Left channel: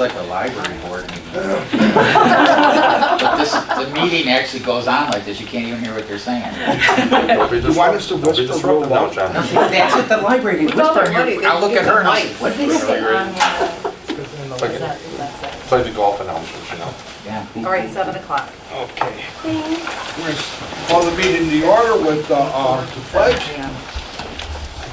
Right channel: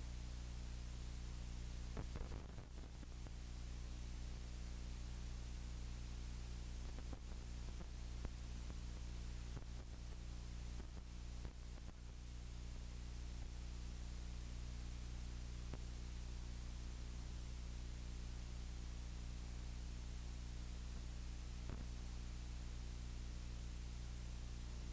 like a library board meeting. But the meeting actually goes on like this. You can't even hear what they're saying. You want us to whisper real loud? That's what the library did. Whisper. I'll look at her and I'll say, what did they say? It's like the golf announcements, you know? Yeah. All right, 7 o'clock. Okay. We're going to call the meeting to order with the pledge.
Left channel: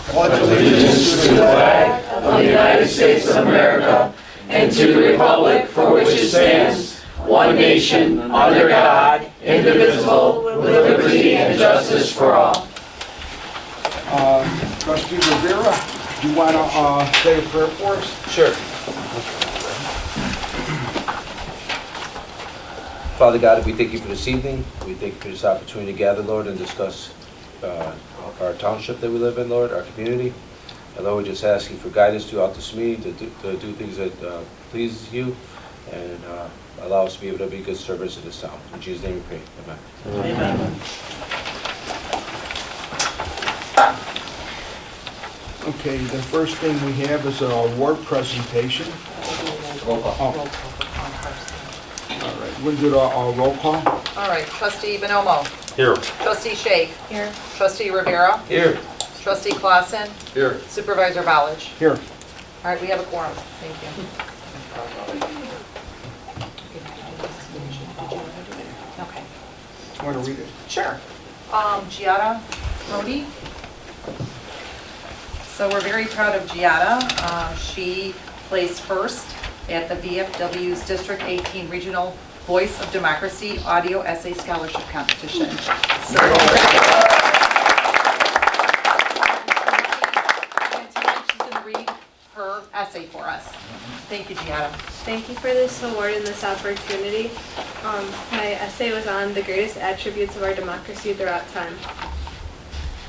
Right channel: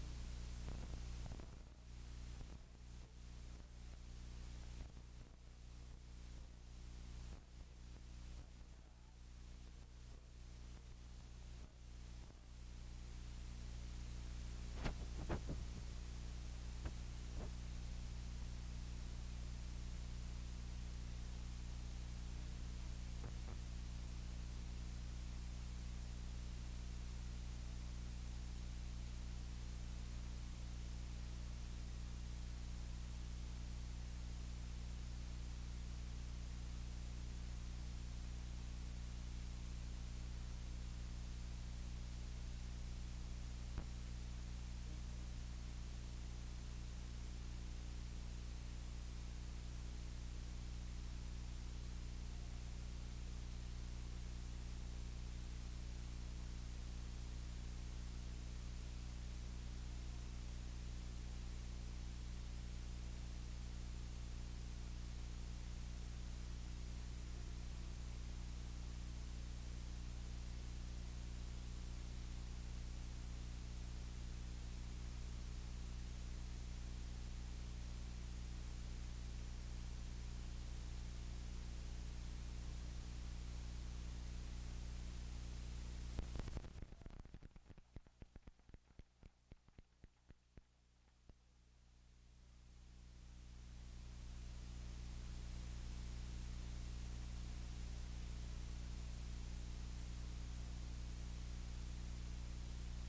Pledge Allegiance to the flag of the United States of America and to the republic for which it stands, one nation, under God, indivisible, with liberty and justice for all. Trustee Rivera, do you want to say a prayer for us? Sure. Father God, we thank you for this evening. We thank you for this opportunity to gather, Lord, and discuss our township that we live in, Lord, our community. And Lord, we just ask you for guidance throughout this meeting to do things that please you and allow us to be able to be good servants in this town. In Jesus' name we pray. Amen. Amen. Okay, the first thing we have is an award presentation. Roll call. All right, we'll do the roll call. All right, Trustee Bonomo. Here. Trustee Shake. Here. Trustee Rivera. Here. Trustee Clausen. Here. Supervisor Ballage. Here. All right, we have a quorum. Thank you. Okay. Want to read it? Sure. Giada Rodi. So we're very proud of Giada. She placed first at the VFW's District 18 Regional Voice of Democracy Audio Essay Scholarship Competition. So, and tonight she's going to read her essay for us. Thank you, Giada. Thank you for this award and this opportunity. My essay was on the greatest attributes of our democracy throughout time.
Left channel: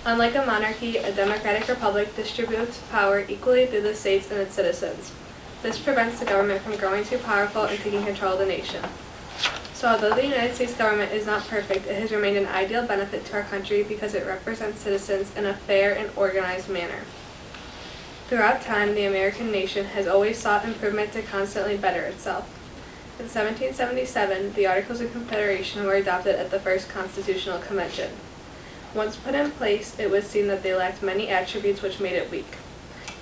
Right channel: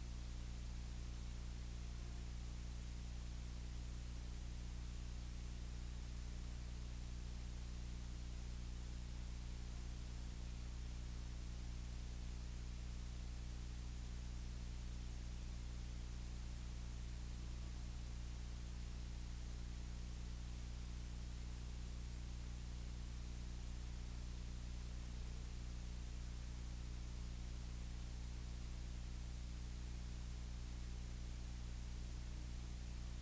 Unlike a monarchy, a democratic republic distributes power equally through the states and its citizens. This prevents the government from growing too powerful and taking control of the nation. So although the United States government is not perfect, it has remained an ideal benefit to our country because it represents citizens in a fair and organized manner. Throughout time, the American nation has always sought improvement to constantly better itself. In 1777, the Articles of Confederation were adopted at the First Constitutional Convention. Once put in place, it was seen that they lacked many attributes which made it weak.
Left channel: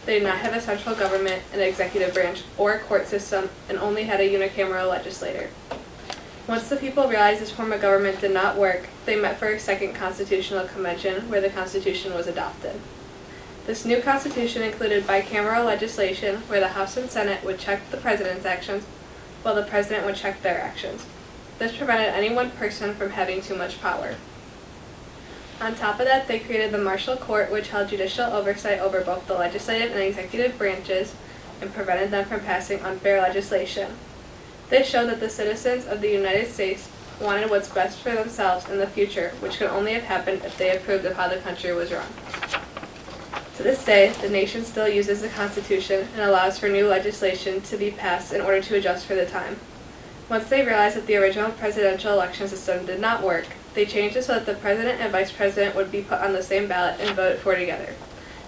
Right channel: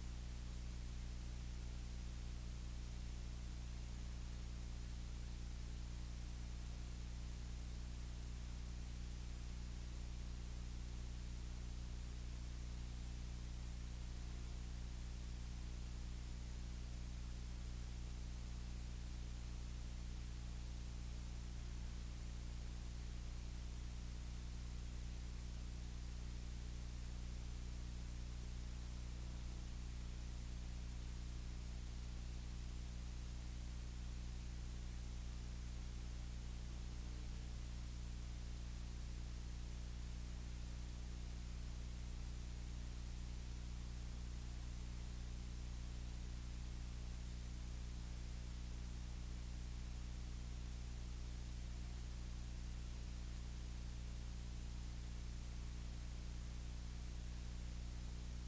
They did not have a central government, an executive branch, or a court system, and only had a unicameral legislature. Once the people realized this form of government did not work, they met for a second constitutional convention where the Constitution was adopted. This new Constitution included bicameral legislation where the House and Senate would check the President's actions while the President would check their actions. This prevented any one person from having too much power. On top of that, they created the Martial Court, which held judicial oversight over both the legislative and executive branches and prevented them from passing unfair legislation. This showed that the citizens of the United States wanted what's best for themselves in the future, which could only have happened if they approved of how the country was run. To this day, the nation still uses the Constitution and allows for new legislation to be passed in order to adjust for the time. Once they realized that the original presidential election system did not work, they changed it so that the president and vice president would be put on the same ballot and voted for together.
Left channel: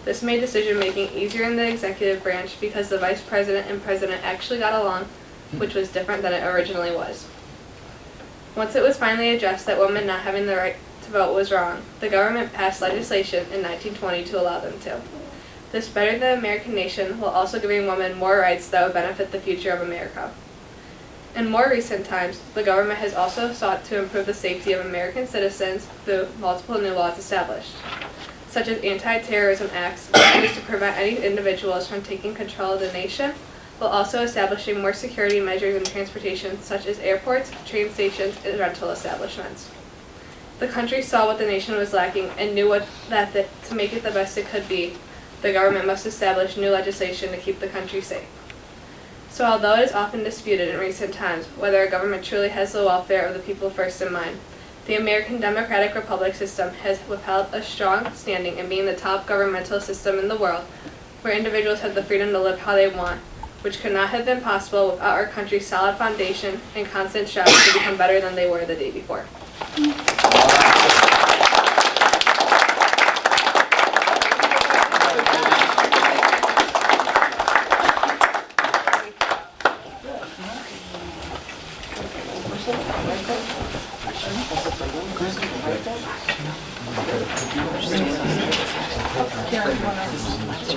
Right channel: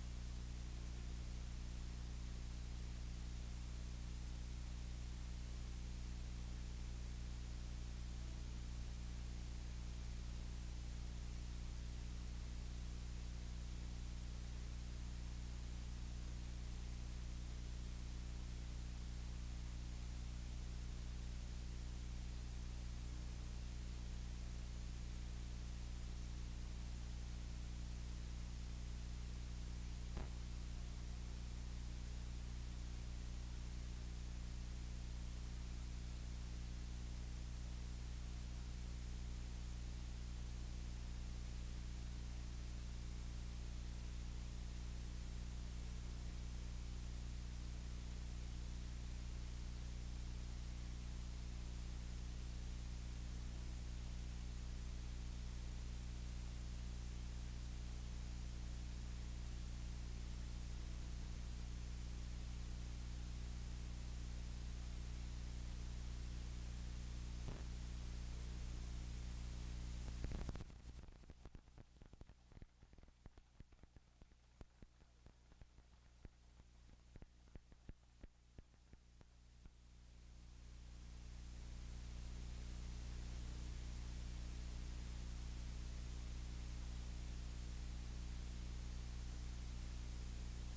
This made decision-making easier in the executive branch because the vice president and president actually got along, which was different than it originally was. Once it was finally addressed that women not having the right to vote was wrong, the government passed legislation in 1920 to allow them to. This bettered the American nation while also giving women more rights that would benefit the future of America. In more recent times, the government has also sought to improve the safety of American citizens through multiple new laws established, such as anti-terrorism acts, used to prevent any individuals from taking control of the nation, while also establishing more security measures in transportation, such as airports, train stations, and rental establishments. The country saw what the nation was lacking and knew that to make it the best it could be, the government must establish new legislation to keep the country safe. So although it is often disputed in recent times whether a government truly has the welfare of the people first in mind, the American Democratic Republic system has withheld a strong standing in being the top governmental system in the world, where individuals have the freedom to live how they want, which could not have been possible without our country's solid foundation and constant strive to become better than they were the day before.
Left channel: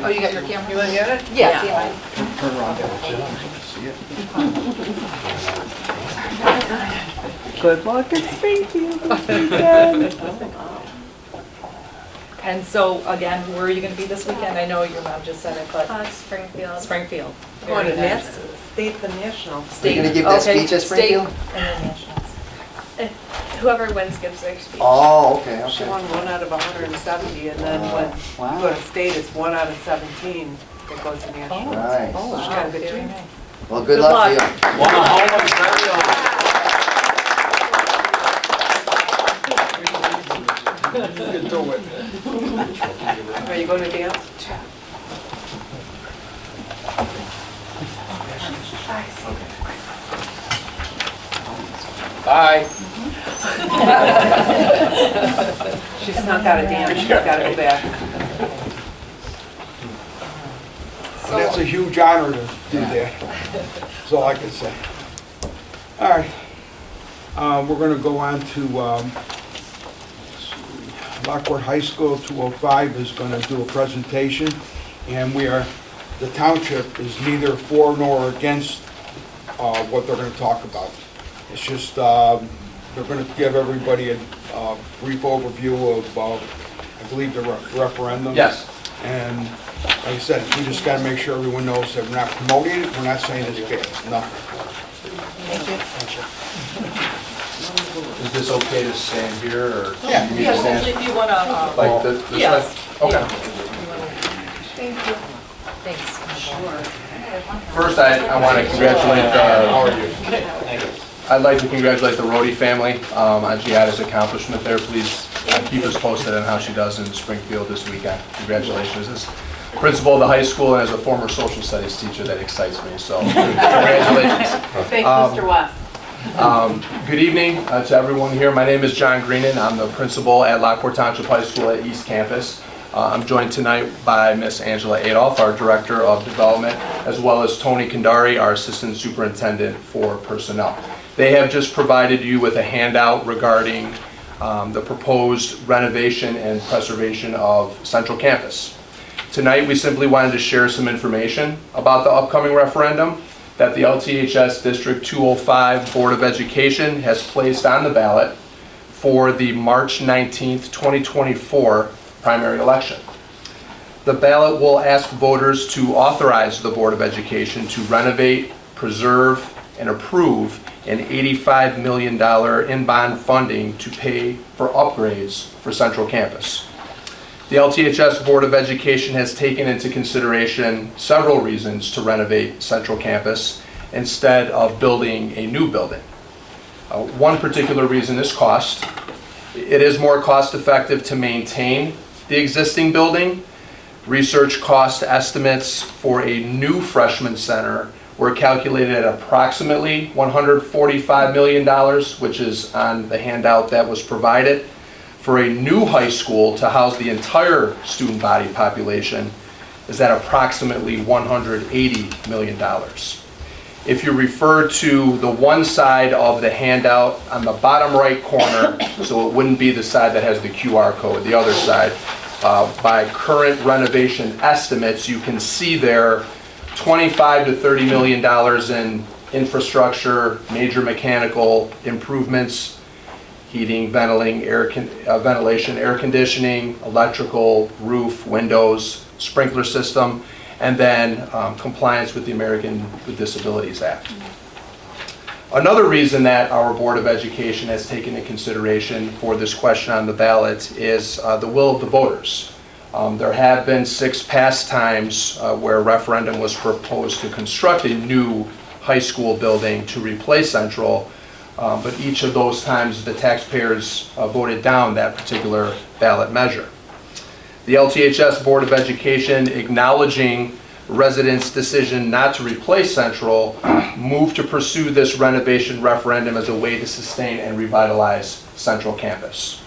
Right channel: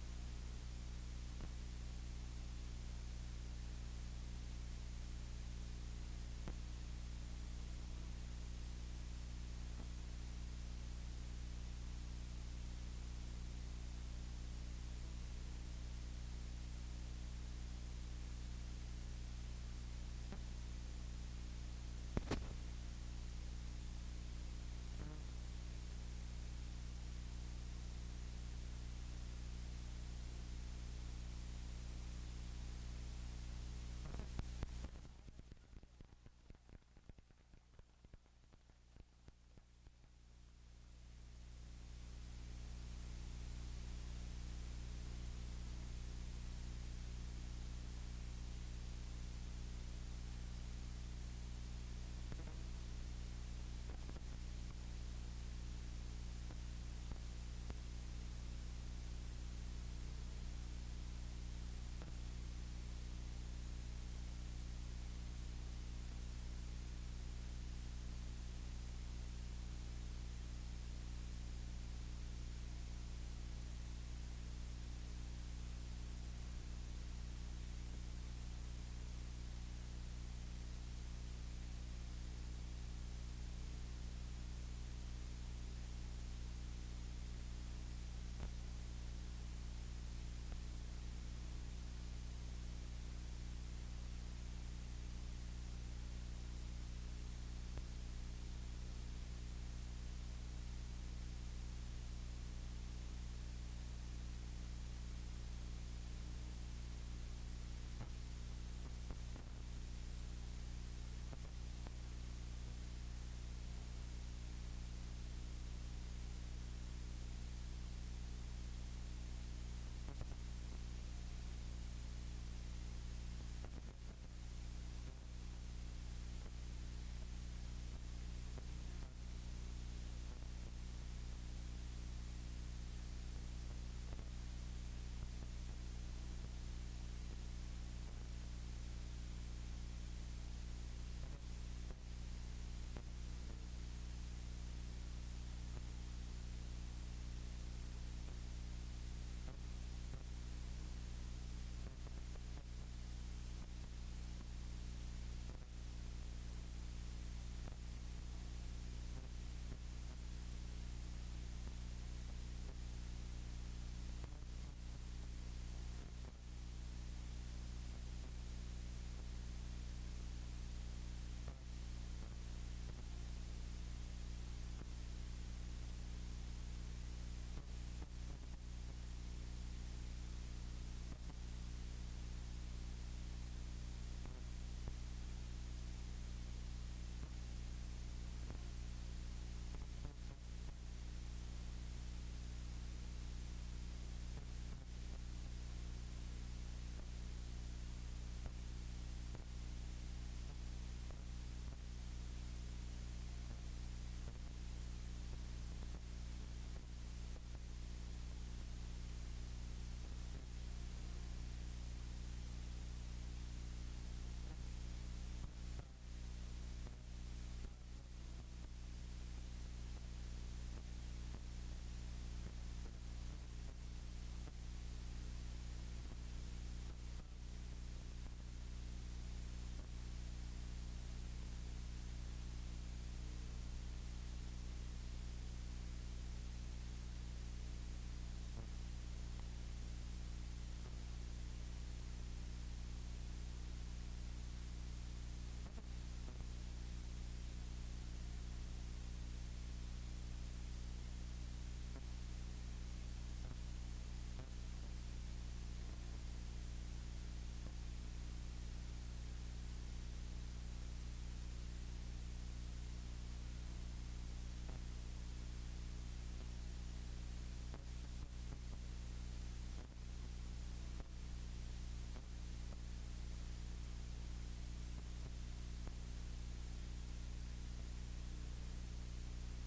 Oh, you got your camera? You wanna get it? Yeah. Good luck at Springfield this weekend. And so, again, where are you gonna be this weekend? I know your mom just said it, but Springfield. Springfield. Going to Very nice. state the national. State. You're gonna give that Okay, speech at state Springfield? and then nationals. Whoever wins gives their speech. Oh, okay, She okay. won 1 out of 170, and then when Wow. you go to state, it's 1 out of 17 that goes to national. Nice. She's got a good Very team. nice. Well, good Good luck to luck. you. One of Homer's very own. You can do it. Are you going to dance? Bye. She snuck out of dance, she's got to go back. And that's a huge honor to do that. That's all I can say. All right. We're going to go on to Lockport High School 205 is going to do a presentation, and the township is neither for nor against what they're going to talk about. It's just, they're going to give everybody a brief overview of, I believe, the referendum. Yes. And like I said, we just got to make sure everyone knows that we're not promoting it, we're not saying it's bad, nothing. Is this okay to stand here, or? Yeah. You need to stand If you wanna, like this way? yes. Okay. Thank you. Thanks. First, I want to congratulate, I'd like to congratulate the Rhodey family on Giada's accomplishment there. Please keep us posted on how she does in Springfield this weekend. Congratulations. As principal of the high school and as a former social studies teacher, that excites me, so congratulations. Thanks, Mr. West. Good evening to everyone here. My name is John Greenan. I'm the principal at Lockport Townsjip High School at East Campus. I'm joined tonight by Miss Angela Adolph, our Director of Development, as well as Tony Kandari, our Assistant Superintendent for Personnel. They have just provided you with a handout regarding the proposed renovation and preservation of Central Campus. Tonight, we simply wanted to share some information about the upcoming referendum that the LTHS District 205 Board of Education has placed on the ballot for the March 19th, 2024 primary election. The ballot will ask voters to authorize the Board of Education to renovate, preserve, and approve an $85 million in-bond funding to pay for upgrades for Central Campus. The LTHS Board of Education has taken into consideration several reasons to renovate Central Campus instead of building a new building. One particular reason is cost. It is more cost-effective to maintain the existing building. Research cost estimates for a new freshman center were calculated at approximately $145 million, which is on the handout that was provided. For a new high school to house the entire student body population is at approximately $180 million. If you refer to the one side of the handout on the bottom right corner, so it wouldn't be the side that has the QR code, the other side, by current renovation estimates, you can see there $25 to $30 million in infrastructure, major mechanical improvements, heating, ventilation, air conditioning, electrical, roof, windows, sprinkler system, and then compliance with the American with Disabilities Act. Another reason that our Board of Education has taken into consideration for this question on the ballot is the will of the voters. There have been 6 past times where a referendum was proposed to construct a new high school building to replace Central, but each of those times the taxpayers voted down that particular ballot measure. The LTHS Board of Education, acknowledging residents' decision not to replace Central, moved to pursue this renovation referendum as a way to sustain and revitalize Central Campus.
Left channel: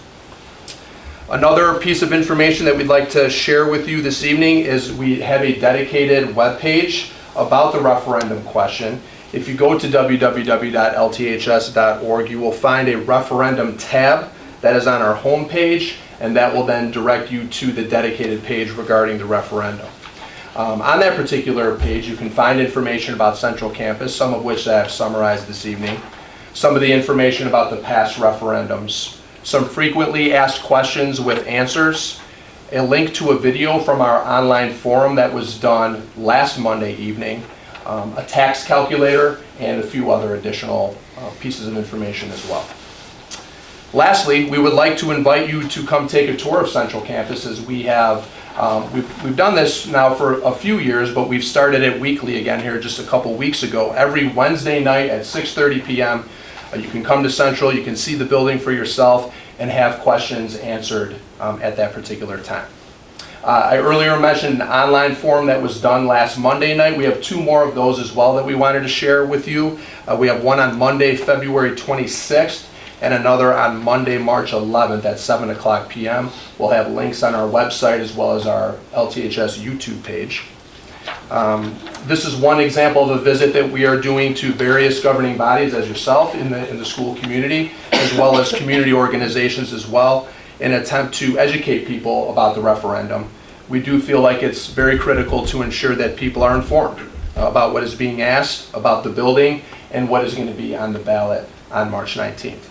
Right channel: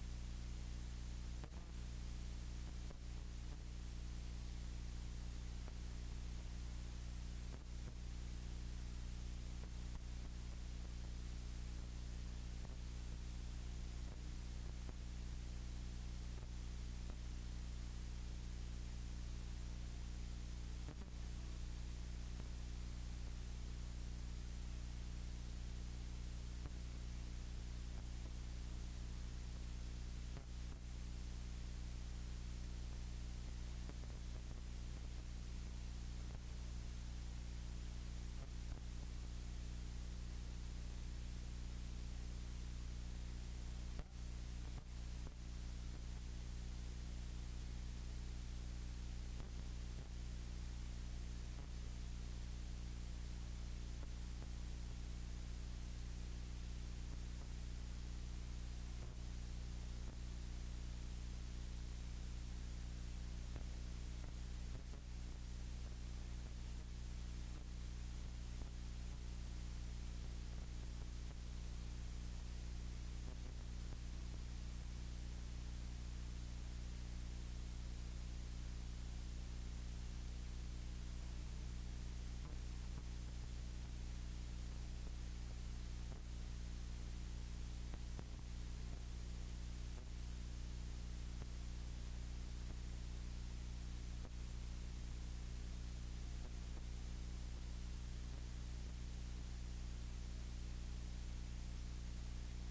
Another piece of information that we'd like to share with you this evening is we have a dedicated webpage about the referendum question. If you go to www.lths.org, you will find a referendum tab that is on our homepage, and that will then direct you to the dedicated page regarding the referendum. On that particular page, you can find information about Central Campus, some of which I have summarized this evening, some of the information about the past referendums, some frequently asked questions with answers, a link to a video from our online forum that was done last Monday evening, a tax calculator, and a few other additional pieces of information as well. Lastly, we would like to invite you to come take a tour of Central Campus, as we have we've done this now for a few years, but we've started it weekly again here just a couple weeks ago. Every Wednesday night at 6:30 p.m. You can come to Central, you can see the building for yourself, and have questions answered at that particular time. I earlier mentioned an online forum that was done last Monday night. We have 2 more of those as well that we wanted to share with you. We have one on Monday, February 26th, and another on Monday, March 11th at 7 o'clock p.m. We'll have links on our website as well as our LTHS YouTube page. This is one example of a visit that we are doing to various governing bodies as yourself in the school community, as well as community organizations as well, in an attempt to educate people about the referendum. We do feel like it's very critical to ensure that people are informed about what is being asked, about the building, and what is going to be on the ballot on March 19th.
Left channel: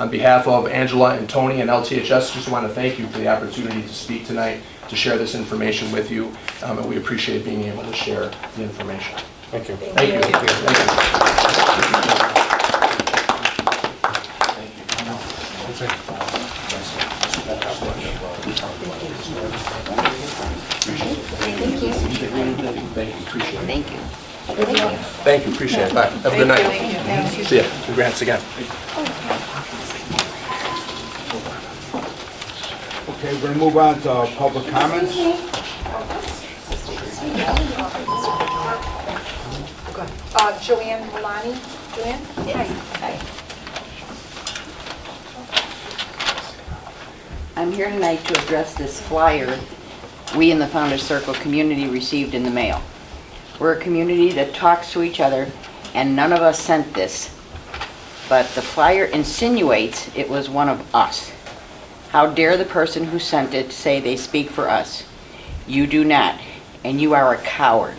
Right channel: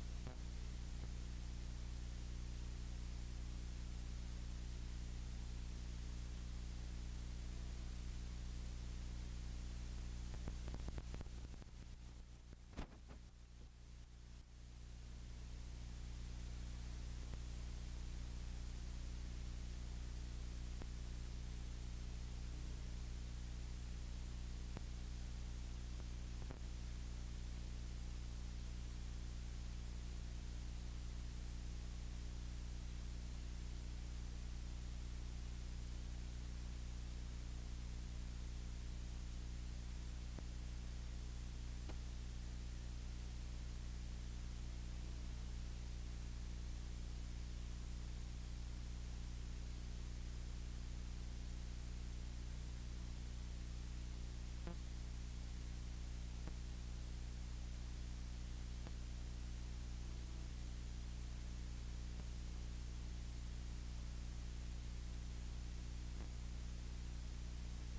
On behalf of Angela and Tony and LTHS, just want to thank you for the opportunity to speak tonight, to share this information with you, and we appreciate being able to share the information. Thank you. Thank you. Thank you, appreciate it. Bye. Have a good night. See ya. Congrats again. Okay, we're going to move on to public comments. Joanne Milani. Joanne? Hi. I'm here tonight to address this flyer we in the Founders Circle community received in the mail. We're a community that talks to each other, and none of us sent this, but the flyer insinuates it was one of us. How dare the person who sent it say they speak for us? You do not, and you are a coward.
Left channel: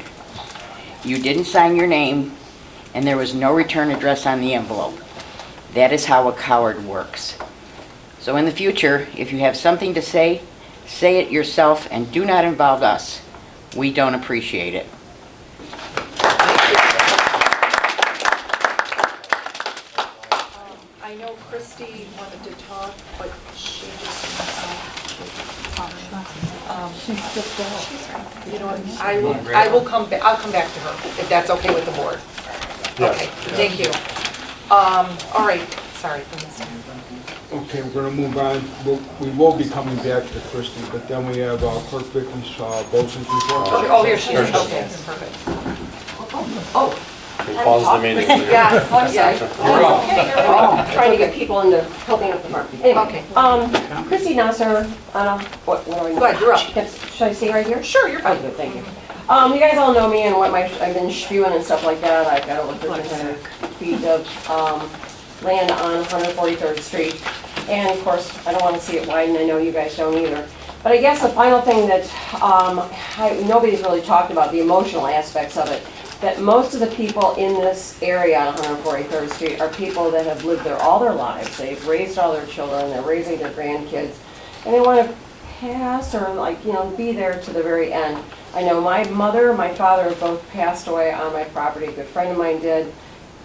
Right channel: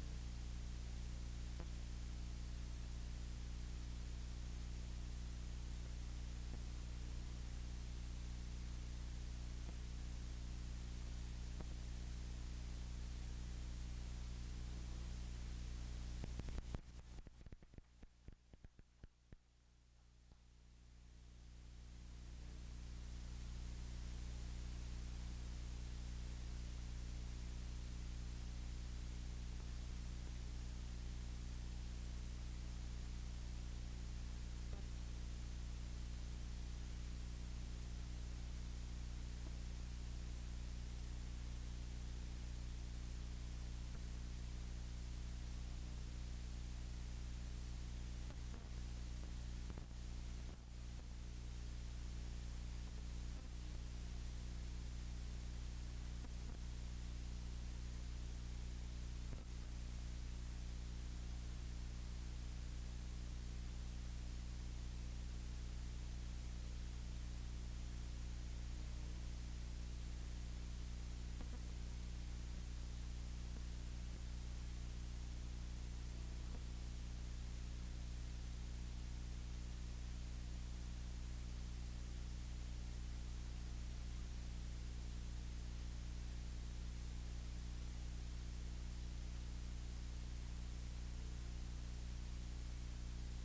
You didn't sign your name, and there was no return address on the envelope. That is how a coward works. So in the future, if you have something to say it yourself and do not involve us. We don't appreciate it. I know Christy wanted to talk, but she just, you know what, I will come back, I'll come back to her, if that's okay with the board. Yes. Okay, thank you. All right, sorry. Okay, we're going to move on. We will be coming back to Christie, but then we have Clerk Vicky's Bosun's report. Oh, here she is, okay, perfect. Oh. We pause the meeting. Yes, I'm sorry. yes. I'm trying to get people into helping out the farm. Anyway, Okay. Christy Nasser, what do I know? Go ahead, you're up. Should I stay right here? Sure, you're Oh, fine. good, thank you. You guys all know me and what I've been spewing and stuff like that. I've got over 1,300 feet of land on 143rd Street. And of course, I don't want to see it widen. I know you guys don't either. But I guess the final thing that nobody's really talked about, the emotional aspects of it, that most of the people in this area on 143rd Street are people that have lived there all their lives. They've raised all their children, they're raising their grandkids, and they want to pass or be there to the very end. I know my mother and my father both passed away on my property. A good friend of mine did,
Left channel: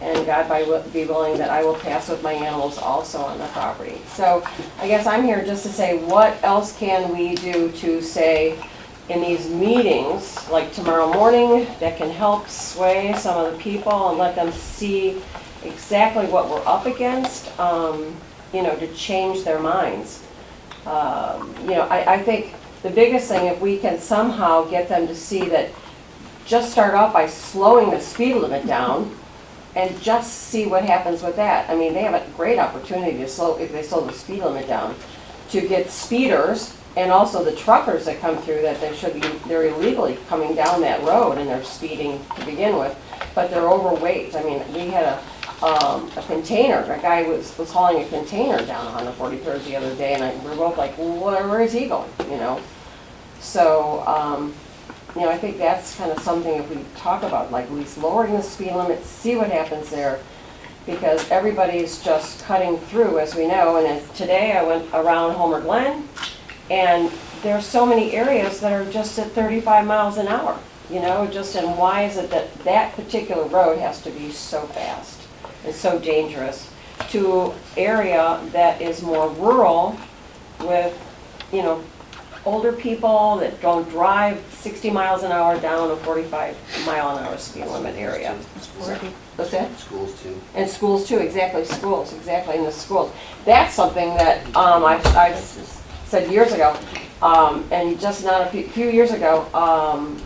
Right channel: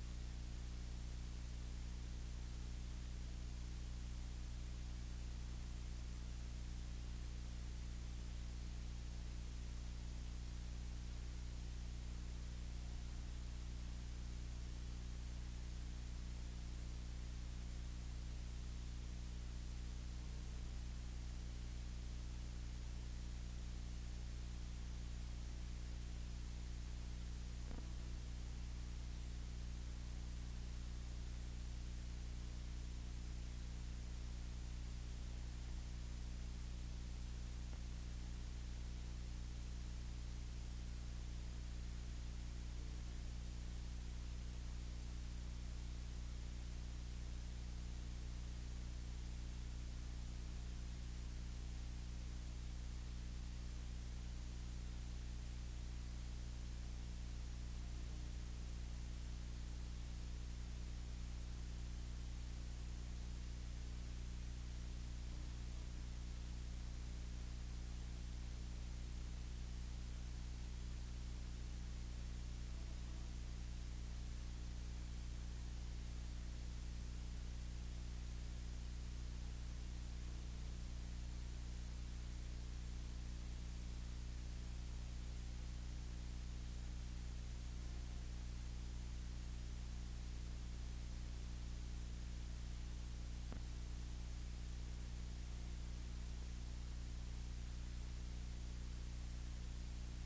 and God be willing that I will pass with my animals also on the property. So I guess I'm here just to say, what else can we do to say in these meetings, like tomorrow morning, that can help sway some of the people and let them see exactly what we're up against, to change their minds. I think the biggest thing, if we can somehow get them to see that, just start off by slowing the speed limit down and just see what happens with that. I mean, they have a great opportunity to if they slow the speed limit down, to get speeders and also the truckers that come through that they're illegally coming down that road and they're speeding to begin with, but they're overweight. I mean, we had a container. A guy was hauling a container down 143rd the other day, and we were both like, well, where is he going, you know? So, you know, I think that's kind of something if we talk about, like at least lowering the speed limit, see what happens there, because everybody's just cutting through, as we know. And today I went around Homer Glen, and there's so many areas that are just at 35 miles an hour, you know, and why is it that that particular road has to be so fast and so dangerous to area that is more rural with, you know, older people that don't drive 60 miles an hour down a 45 mile an hour speed limit area. What's that? Schools too. And schools too, exactly, schools, exactly, in the schools. That's something that I said years ago, and just not a few years ago,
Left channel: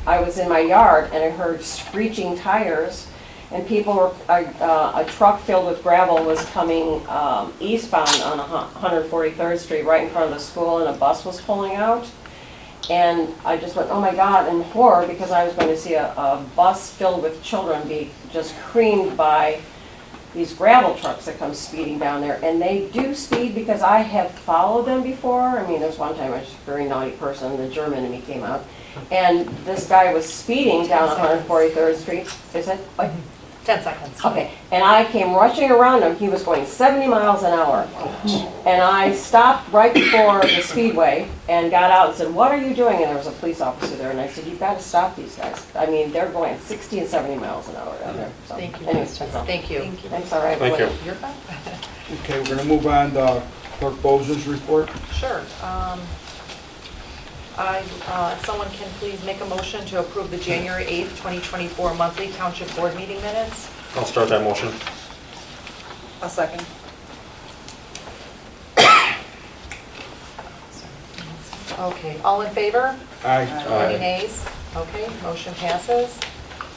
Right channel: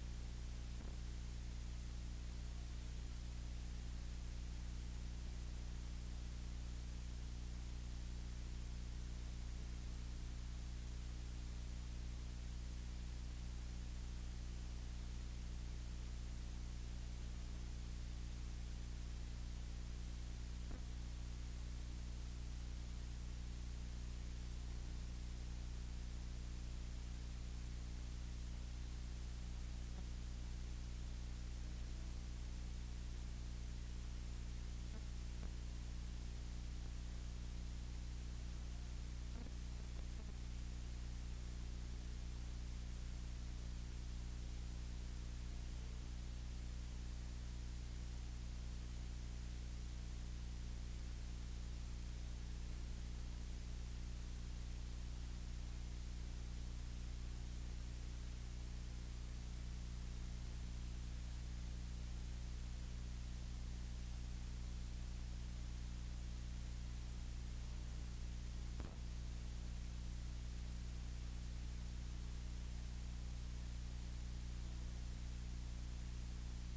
I was in my yard and I heard screeching tires, and people were, a truck filled with gravel was coming eastbound on 143rd Street right in front of the school, and a bus was pulling out. And I just went, oh my God, in horror, because I was going to see a bus filled with children be just creamed by these gravel trucks that come speeding down there. And they do speed, because I have followed them before. I mean, there's one time I was a very naughty person, the German in me came out, and this guy was speeding down 143rd Street. Is it? Like, 10 seconds. okay, and I came rushing around him. He was going 70 miles an hour. And I stopped right before the speedway and got out and said, what are you doing? And there was a police officer there, and I said, you've got to stop these guys. I mean, they're going 60 and 70 miles an hour down there. So, Thank you. anyways, Thank you. thanks, all right. Thank you. You're fine. Okay, we're gonna move on to Clerk Boza's report. Sure. If someone can please make a motion to approve the January 8th, 2024 monthly Township Board meeting minutes. I'll start that motion. A second. Okay, all in favor? Aye. Any nays? Okay, motion passes.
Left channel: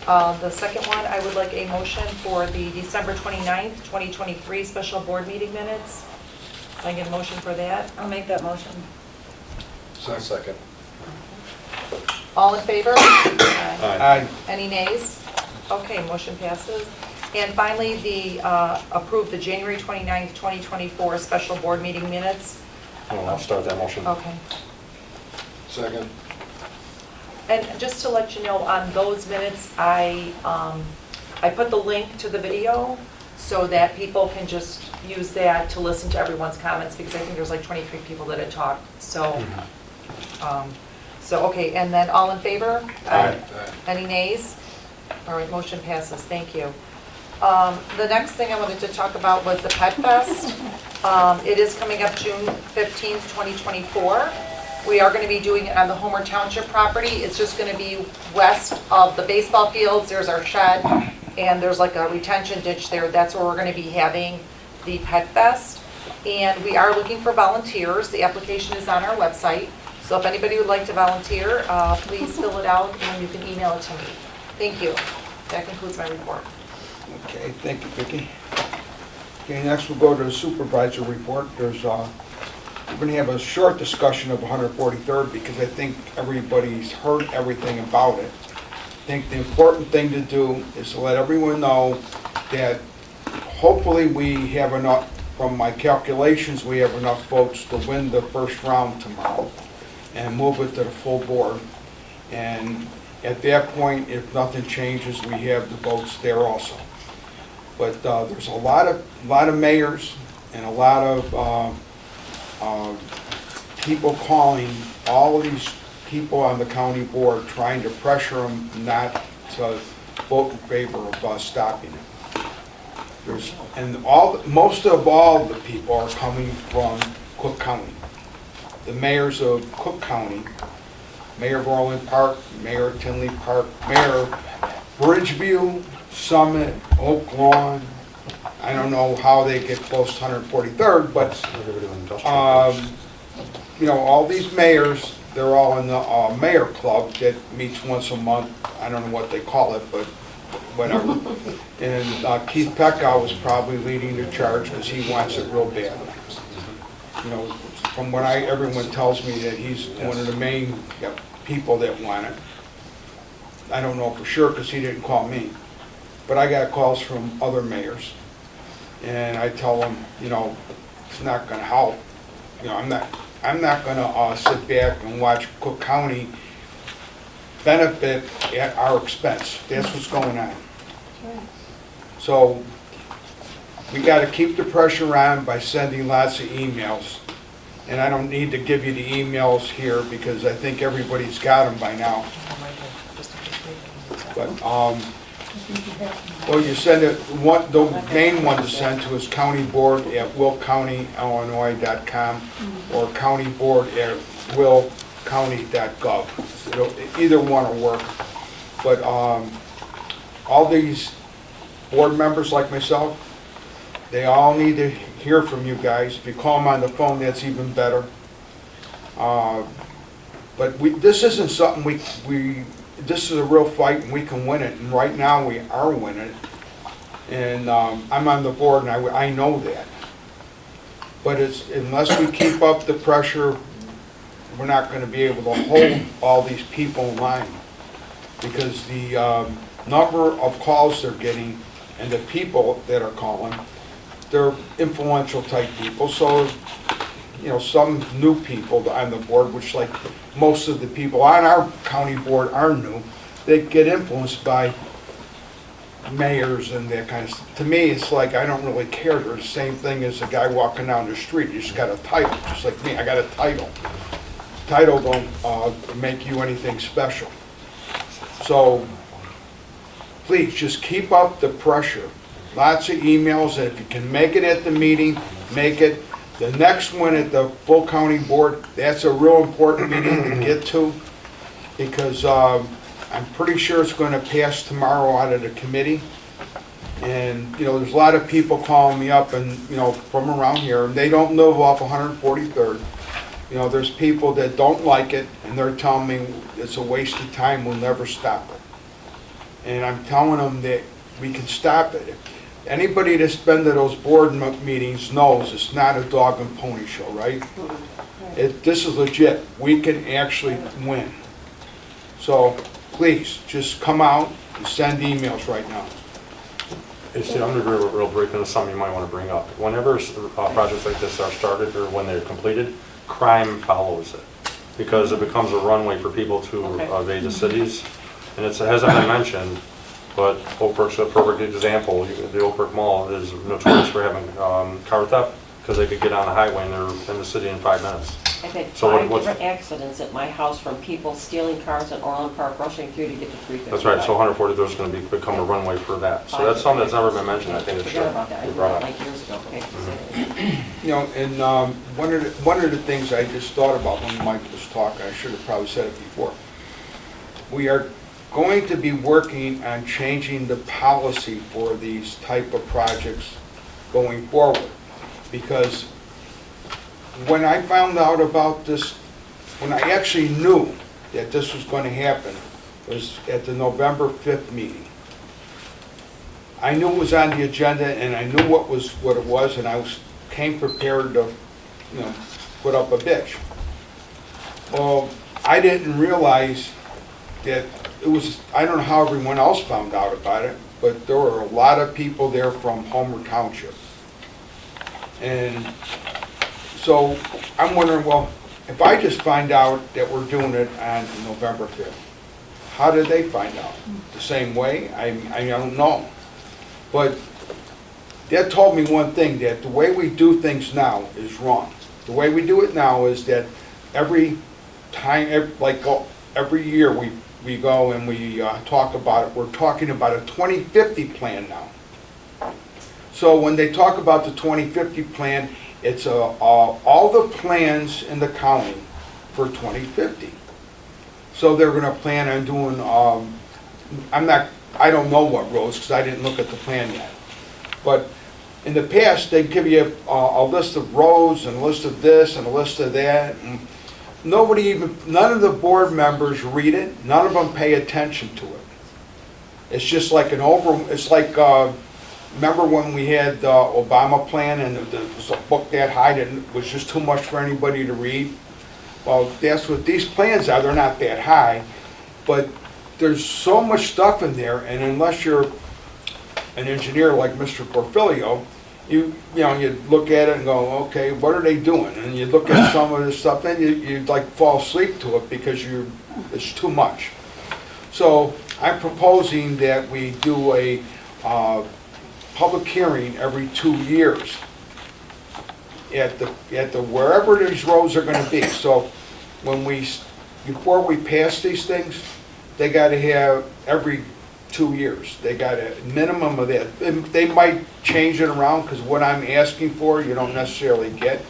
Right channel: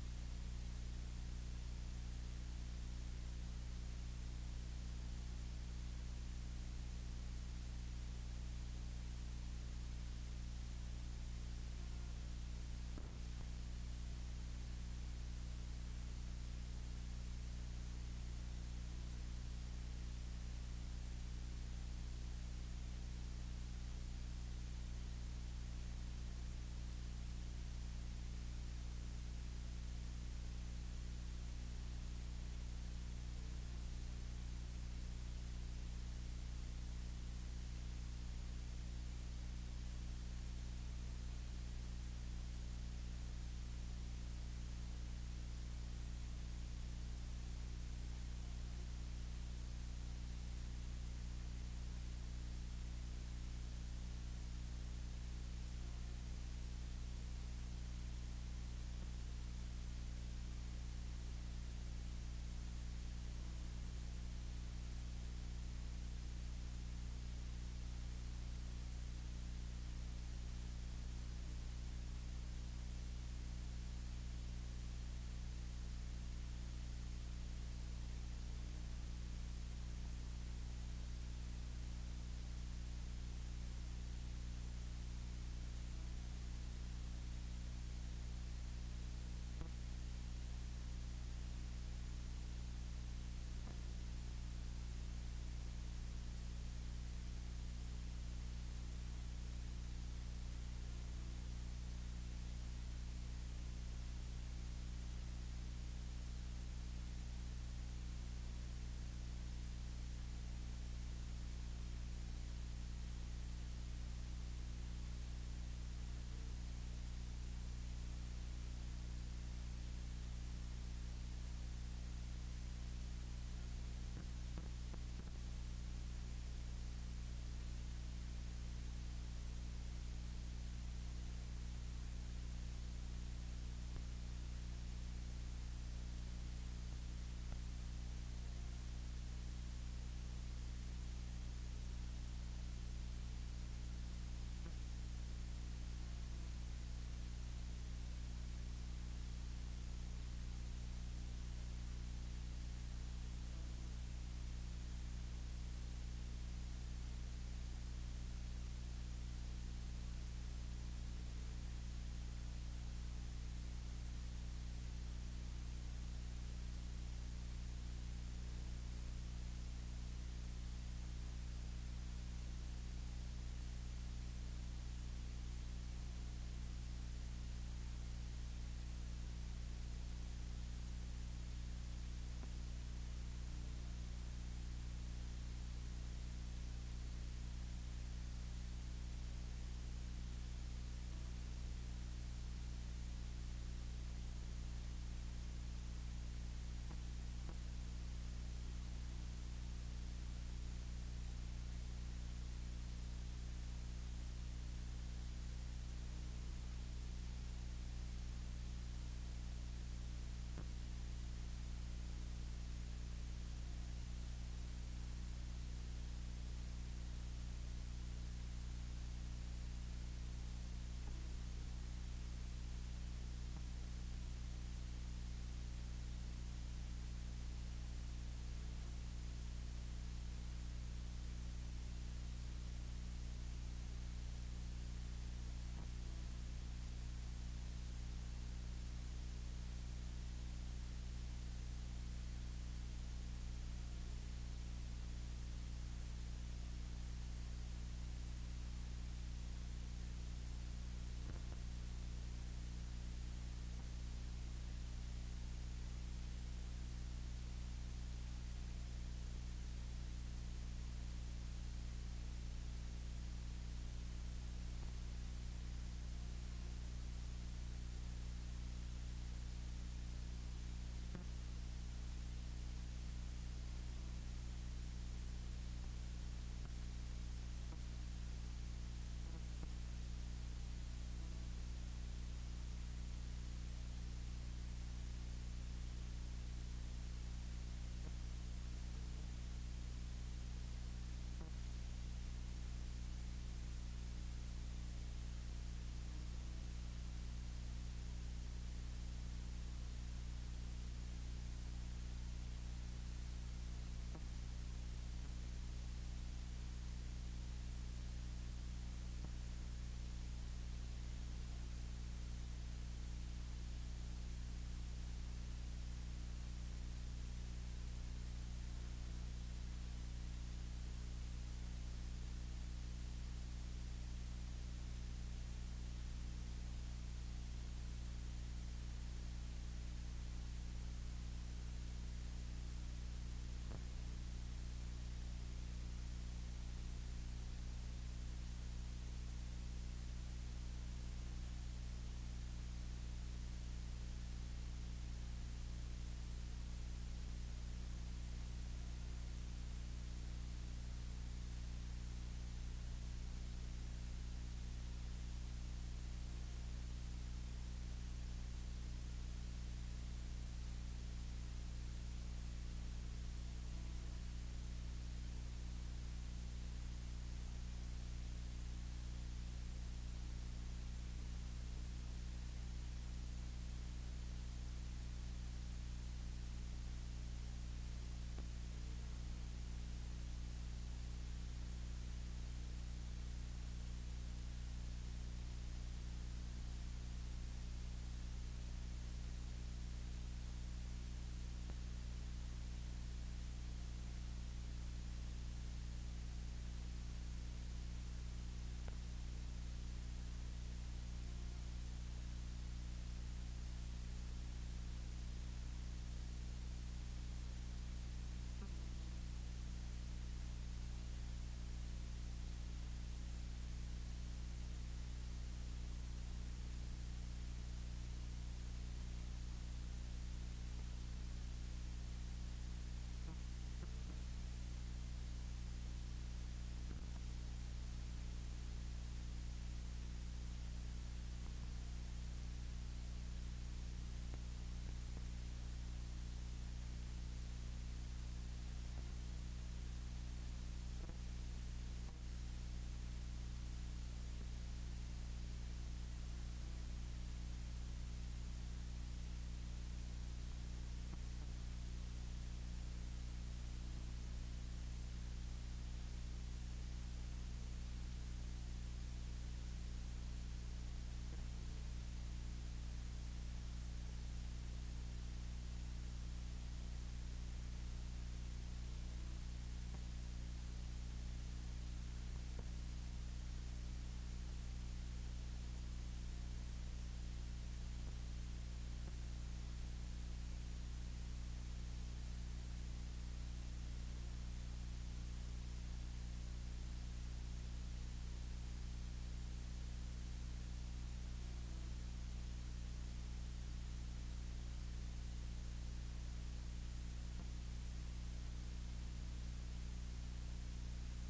The second one, I would like a motion for the December 29th, 2023 special board meeting minutes. Can I get a motion for that? I'll make that motion. Second. All in favor? Aye. Any nays? Okay, motion passes. And finally, approve the January 29th, 2024 special board meeting minutes. I'll start that motion. Okay. Second. And just to let you know, on those minutes, I put the link to the video so that people can just use that to listen to everyone's comments, because I think there's like 23 people that had talked. So, okay, and then all in favor? Aye. Any nays? All right, motion passes, thank you. The next thing I wanted to talk about was the Pet Fest. It is coming up June 15th, 2024. We are going to be doing it on the Homer Township property. It's just going to be west of the baseball fields. There's our shed, and there's like a retention ditch there. That's where we're going to be having the Pet Fest. And we are looking for volunteers. The application is on our website. So if anybody would like to volunteer, please fill it out and you can email it to me. Thank you. That concludes my report. Okay, thank you, Vicki. Okay, next we'll go to the supervisor report. We're going to have a short discussion of 143rd, because I think everybody's heard everything about it. I think the important thing to do is to let everyone know that hopefully we have enough, from my calculations, we have enough votes to win the first round tomorrow and move it to the full board. And at that point, if nothing changes, we have the votes there also. But there's a lot of mayors and a lot of people calling all of these people on the county board, trying to pressure them not to vote in favor of us stopping it. Most of all the people are coming from Cook County. The mayors of Cook County, Mayor of Orland Park, Mayor of Tinley Park, Mayor of Bridgeview, Summit, Oak Lawn. I don't know how they get close to 143rd, but you know, all these mayors, they're all in the mayor club that meets once a month. I don't know what they call it, but whatever. And Keith Peckow was probably leading the charge, because he wants it real bad. You know, from what everyone tells me, that he's one of the main people that want it. I don't know for sure, because he didn't call me. But I got calls from other mayors. And I tell them, you know, it's not gonna help. You know, I'm not gonna sit back and watch Cook County benefit at our expense. That's what's going on. So we gotta keep the pressure on by sending lots of emails. And I don't need to give you the emails here because I think everybody's got them by now. But, well, you send it, the main one to send to is countyboard@willcountyillinois.com or countyboard@willcounty.gov. Either one will work. But all these board members like myself, they all need to hear from you guys. If you call them on the phone, that's even better. But this isn't something this is a real fight and we can win it. And right now we are winning it. And I'm on the board and I know that. But unless we keep up the pressure, we're not going to be able to hold all these people in line. Because the number of calls they're getting and the people that are calling, they're influential type people. So, you know, some new people on the board, which like most of the people on our county board are new, they get influenced by mayors and that kind of stuff. To me, it's like, I don't really care. They're the same thing as a guy walking down the street. You just got a title, just like me. I got a title. Title don't make you anything special. So, please, just keep up the pressure. Lots of emails, and if you can make it at the meeting, make it. The next one at the full county board, that's a real important meeting to get to, because I'm pretty sure it's going to pass tomorrow out of the committee. And, you know, there's a lot of people calling me up and, you know, from around here, and they don't live off 143rd. You know, there's people that don't like it, and they're telling me it's a waste of time, we'll never stop it. And I'm telling them that we can stop it. Anybody that's been to those board meetings knows it's not a dog and pony show, right? This is legit. We can actually win. So please, just come out and send emails right now. Hey, Steve, I'm going to real brief into something you might want to bring up. Whenever projects like this are started or when they're completed, crime follows it, because it becomes a runway for people to evade the cities. And it hasn't been mentioned, but Oak Brook's a perfect example. The Oak Brook Mall is notorious for having car theft, because they could get on the highway and they're in the city in 5 minutes. I've had So 5 what's- different accidents at my house from people stealing cars in Orland Park, rushing through to get to 355. That's right, so 143 is going to become a runway for that. So that's something that's never been mentioned. I think it should Forgot about that. I be did brought that up. like years ago. Okay. You know, and one of the things I just thought about when Mike was talking, I should have probably said it before. We are going to be working on changing the policy for these type of projects going forward. Because when I found out about this, when I actually knew that this was going to happen, was at the November 5th meeting. I knew it was on the agenda, and I knew what it was, and I came prepared to, you know, put up a bitch. Well, I didn't realize that it was, I don't know how everyone else found out about it, but there were a lot of people there from Homer Townsjip. And so I'm wondering, well, if I just find out that we're doing it on November 5th, how did they find out? The same way? I don't know. But that told me one thing, that the way we do things now is wrong. The way we do it now is that every time, every year we go and we talk about it, we're talking about a 2050 plan now. So when they talk about the 2050 plan, it's all the plans in the county for 2050. So they're gonna plan on doing, I don't know what roads, because I didn't look at the plan yet. But in the past, they give you a list of roads and a list of this and a list of that. And none of the board members read it. None of them pay attention to it. It's just like it's like, remember when we had the Obama plan and it was a book that high that was just too much for anybody to read? Well, that's what these plans are. They're not that high, but there's so much stuff in there, and unless you're an engineer like Mr. Porfilio, you know, you look at it and go, okay, what are they doing? And you look at some of this stuff, then you like fall asleep to it because it's too much. So I'm proposing that we do a public hearing every 2 years at the wherever these roads are gonna be. So before we pass these things, they gotta have every 2 years. They got a minimum of that. They might change it around because what I'm asking for, you don't necessarily get.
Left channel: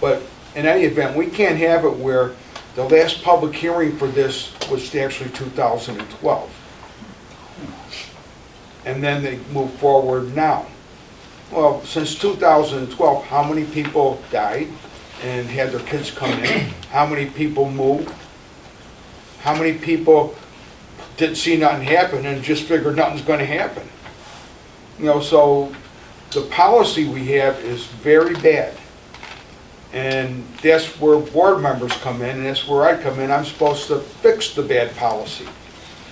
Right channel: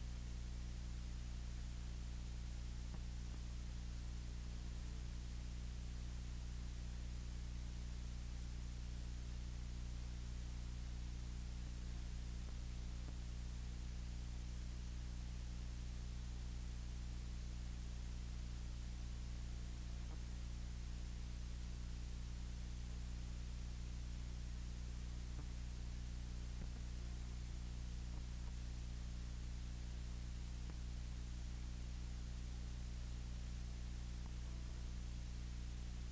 But in any event, we can't have it where the last public hearing for this was actually 2012. And then they move forward now. Well, since 2012, how many people died and had their kids come in? How many people moved? How many people didn't see nothing happen and just figured nothing's going to happen? You know, so the policy we have is very bad. And that's where board members come in, and that's where I come in. I'm supposed to fix the bad policy.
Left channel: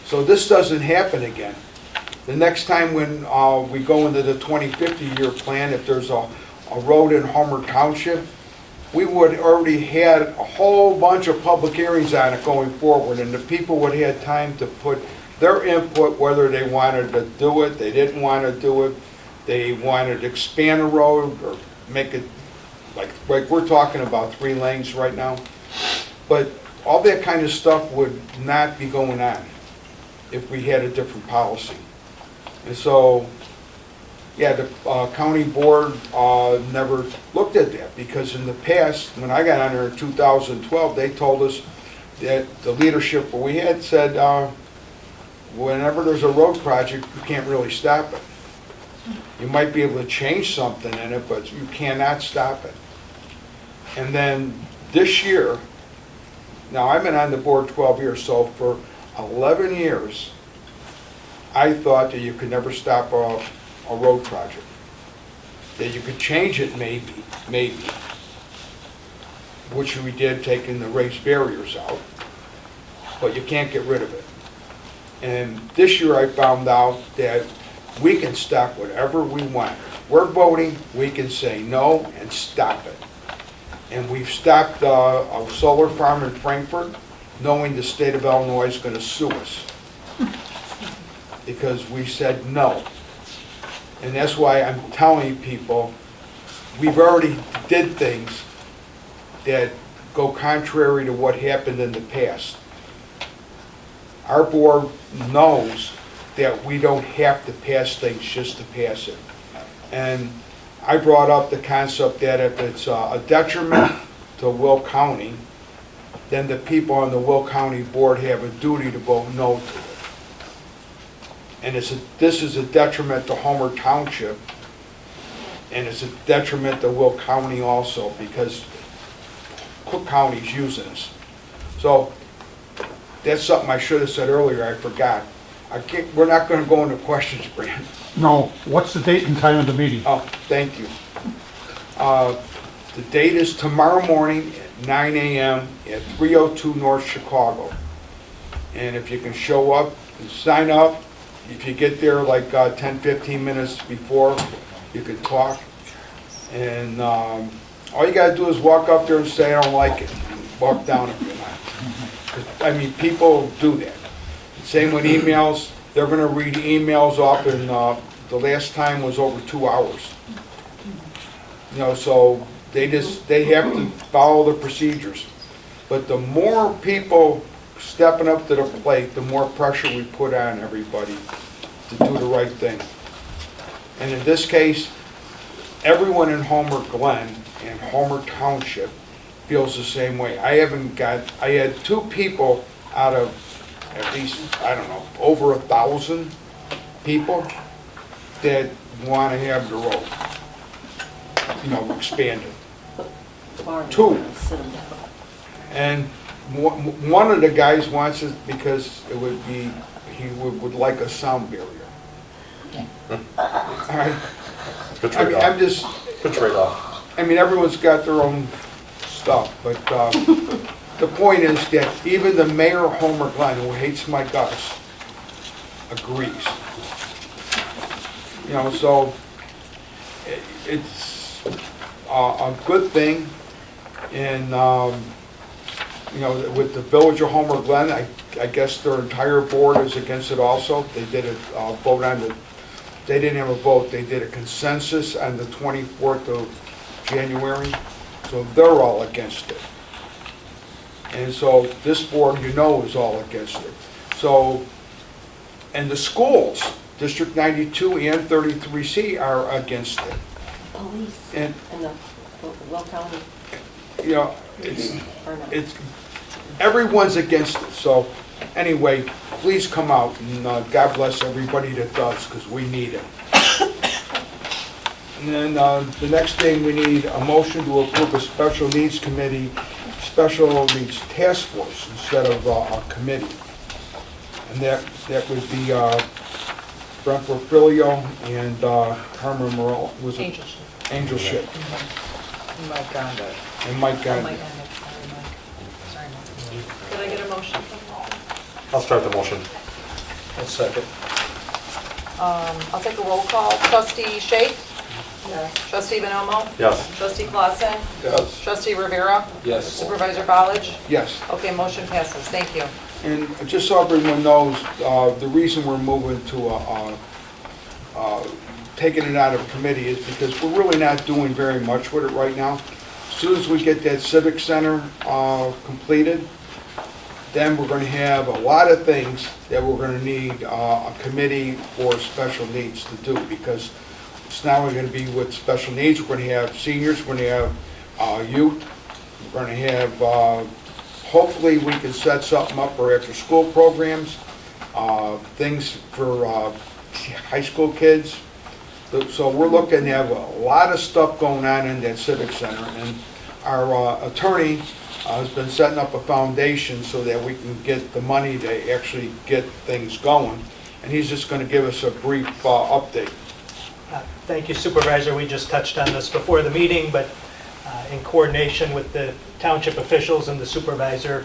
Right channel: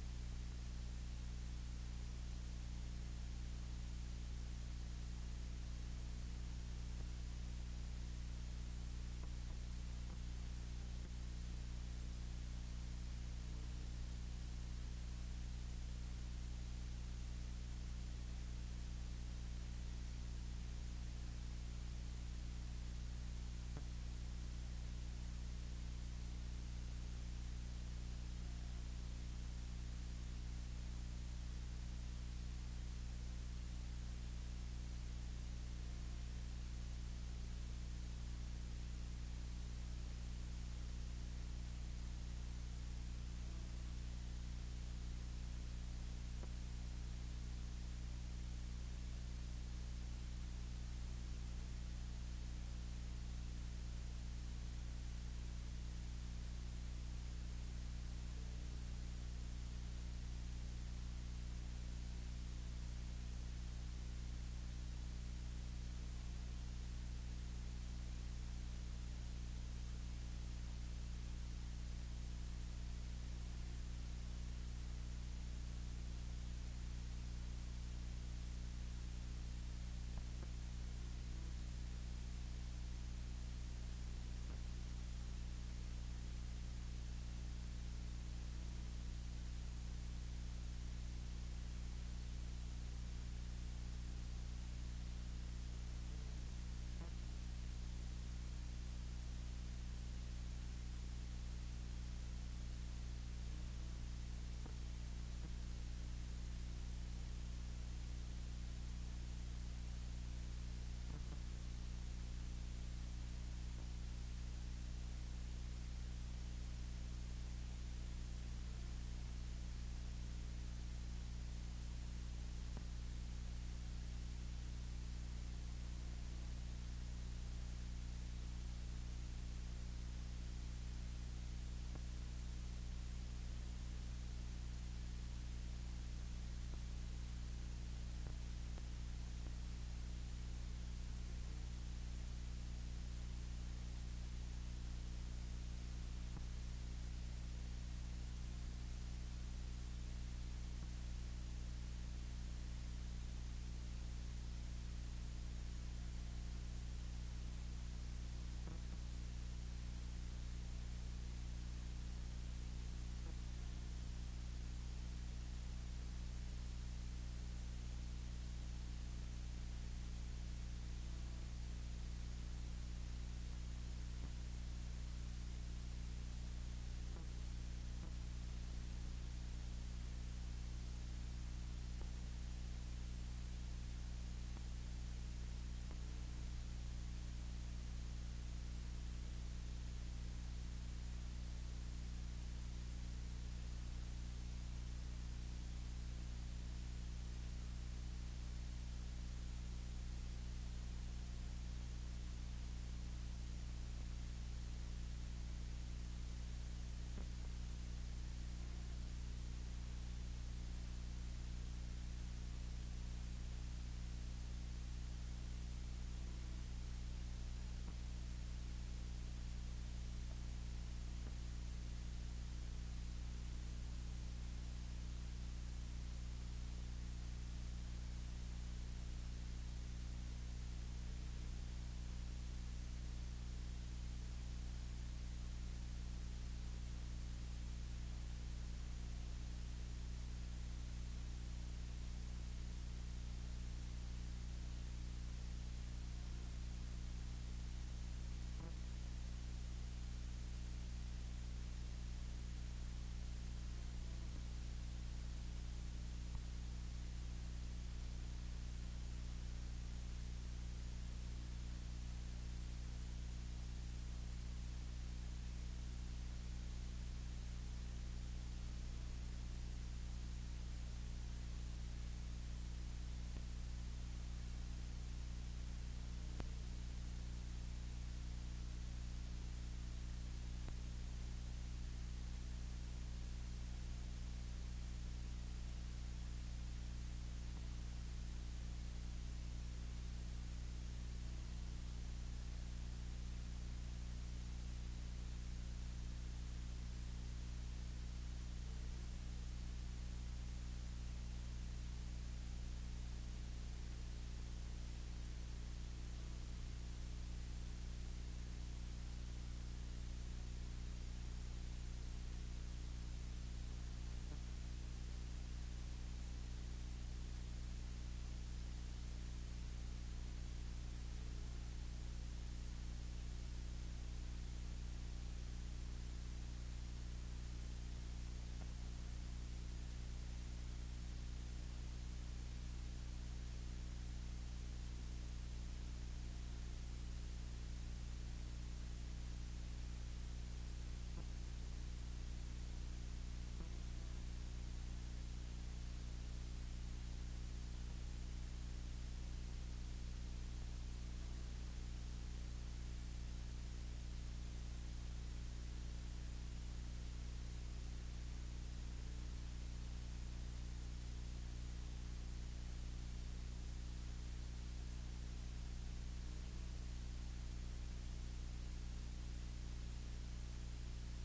So this doesn't happen again. The next time when we go into the 2050 year plan, if there's a road in Homer Township, we would already had a whole bunch of public hearings on it going forward, and the people would have had time to put their input, whether they wanted to do it, they didn't want to do it, they wanted to expand a road or make it like we're talking about 3 lanes right now. But all that kind of stuff would not be going on if we had a different policy. And so, yeah, the county board never looked at that, because in the past, when I got on there in 2012, they told us that the leadership we had said, whenever there's a road project, you can't really stop it. You might be able to change something in it, but you cannot stop it. And then this year, now I've been on the board 12 years, so for 11 years, I thought that you could never stop a road project. That you could change it maybe, which we did, taking the raised barriers out, but you can't get rid of it. And this year I found out that we can stop whatever we want. We're voting, we can say no and stop it. And we've stopped a solar farm in Frankfurt, knowing the state of Illinois is going to sue us, because we said no. And that's why I'm telling people, we've already did things that go contrary to what happened in the past. Our board knows that we don't have to pass things just to pass it. And I brought up the concept that if it's a detriment to Will County, then the people on the Will County board have a duty to vote no to it. And this is a detriment to Homer Township, and it's a detriment to Will County also, because Cook County's using us. So that's something I should have said earlier, I forgot. We're not going to go into questions, Brand. No. What's the date and time of the meeting? Oh, thank you. The date is tomorrow morning at 9 a.m. at 302 North Chicago. And if you can show up and sign up, if you get there like 10, 15 minutes before, you can talk. And all you got to do is walk up there and say, I don't like it. Walk down if you're not. I mean, people do that. Same with emails. They're going to read emails off, and the last time was over 2 hours. You know, so they have to follow the procedures. But the more people stepping up to the plate, the more pressure we put on everybody to do the right thing. And in this case, everyone in Homer Glen and Homer Township feels the same way. I had 2 people out of at least, I don't know, over 1,000 people that want to have the road, you know, expanded. 2. And one of the guys wants it because it would be, he would like a sound barrier. All right. Good I mean, trade-off. I'm just, Good trade-off. I mean, everyone's got their own stuff, but the point is that even the mayor of Homer Glen, who hates my guts, agrees. You know, so it's a good thing. And, you know, with the Village of Homer Glen, I guess their entire board is against it also. They did a vote on the, they didn't have a vote, they did a consensus on the 24th of January. So they're all against it. And so this board, you know, is all against it. So, and the schools, District 92 and 33C are against it. Police And, and the Will County, you know, or not? it's, everyone's against it. So anyway, please come out and God bless everybody that does, because we need it. And then the next thing, we need a motion to approve a special needs committee, special needs task force instead of a committee. And that would be Brent Porfilio and Carmen Morel, was it? Angel Ship. Angel Ship. Mike Gonda. And Mike Oh, Gardner. Mike Gonda, sorry, Mike. Could I get a motion? I'll start the motion. I'll second. I'll take a roll call. Trustee Shake? Yes. Trustee Bonomo? Yes. Trustee Clausen? Yes. Trustee Rivera? Yes. Supervisor College? Yes. Okay, motion passes. Thank you. And just so everyone knows, the reason we're moving to taking it out of committee is because we're really not doing very much with it right now. As soon as we get that civic center completed, then we're going to have a lot of things that we're going to need a committee for special needs to do, because it's not only going to be with special needs, we're going to have seniors, we're going to have youth, we're going to have, hopefully we can set something up for after-school programs, things for high school kids. So we're looking to have a lot of stuff going on in that civic center, and our attorney has been setting up a foundation so that we can get the money to actually get things going. And he's just going to give us a brief update. Thank you, Supervisor. We just touched on this before the meeting, but in coordination with the township officials and the supervisor,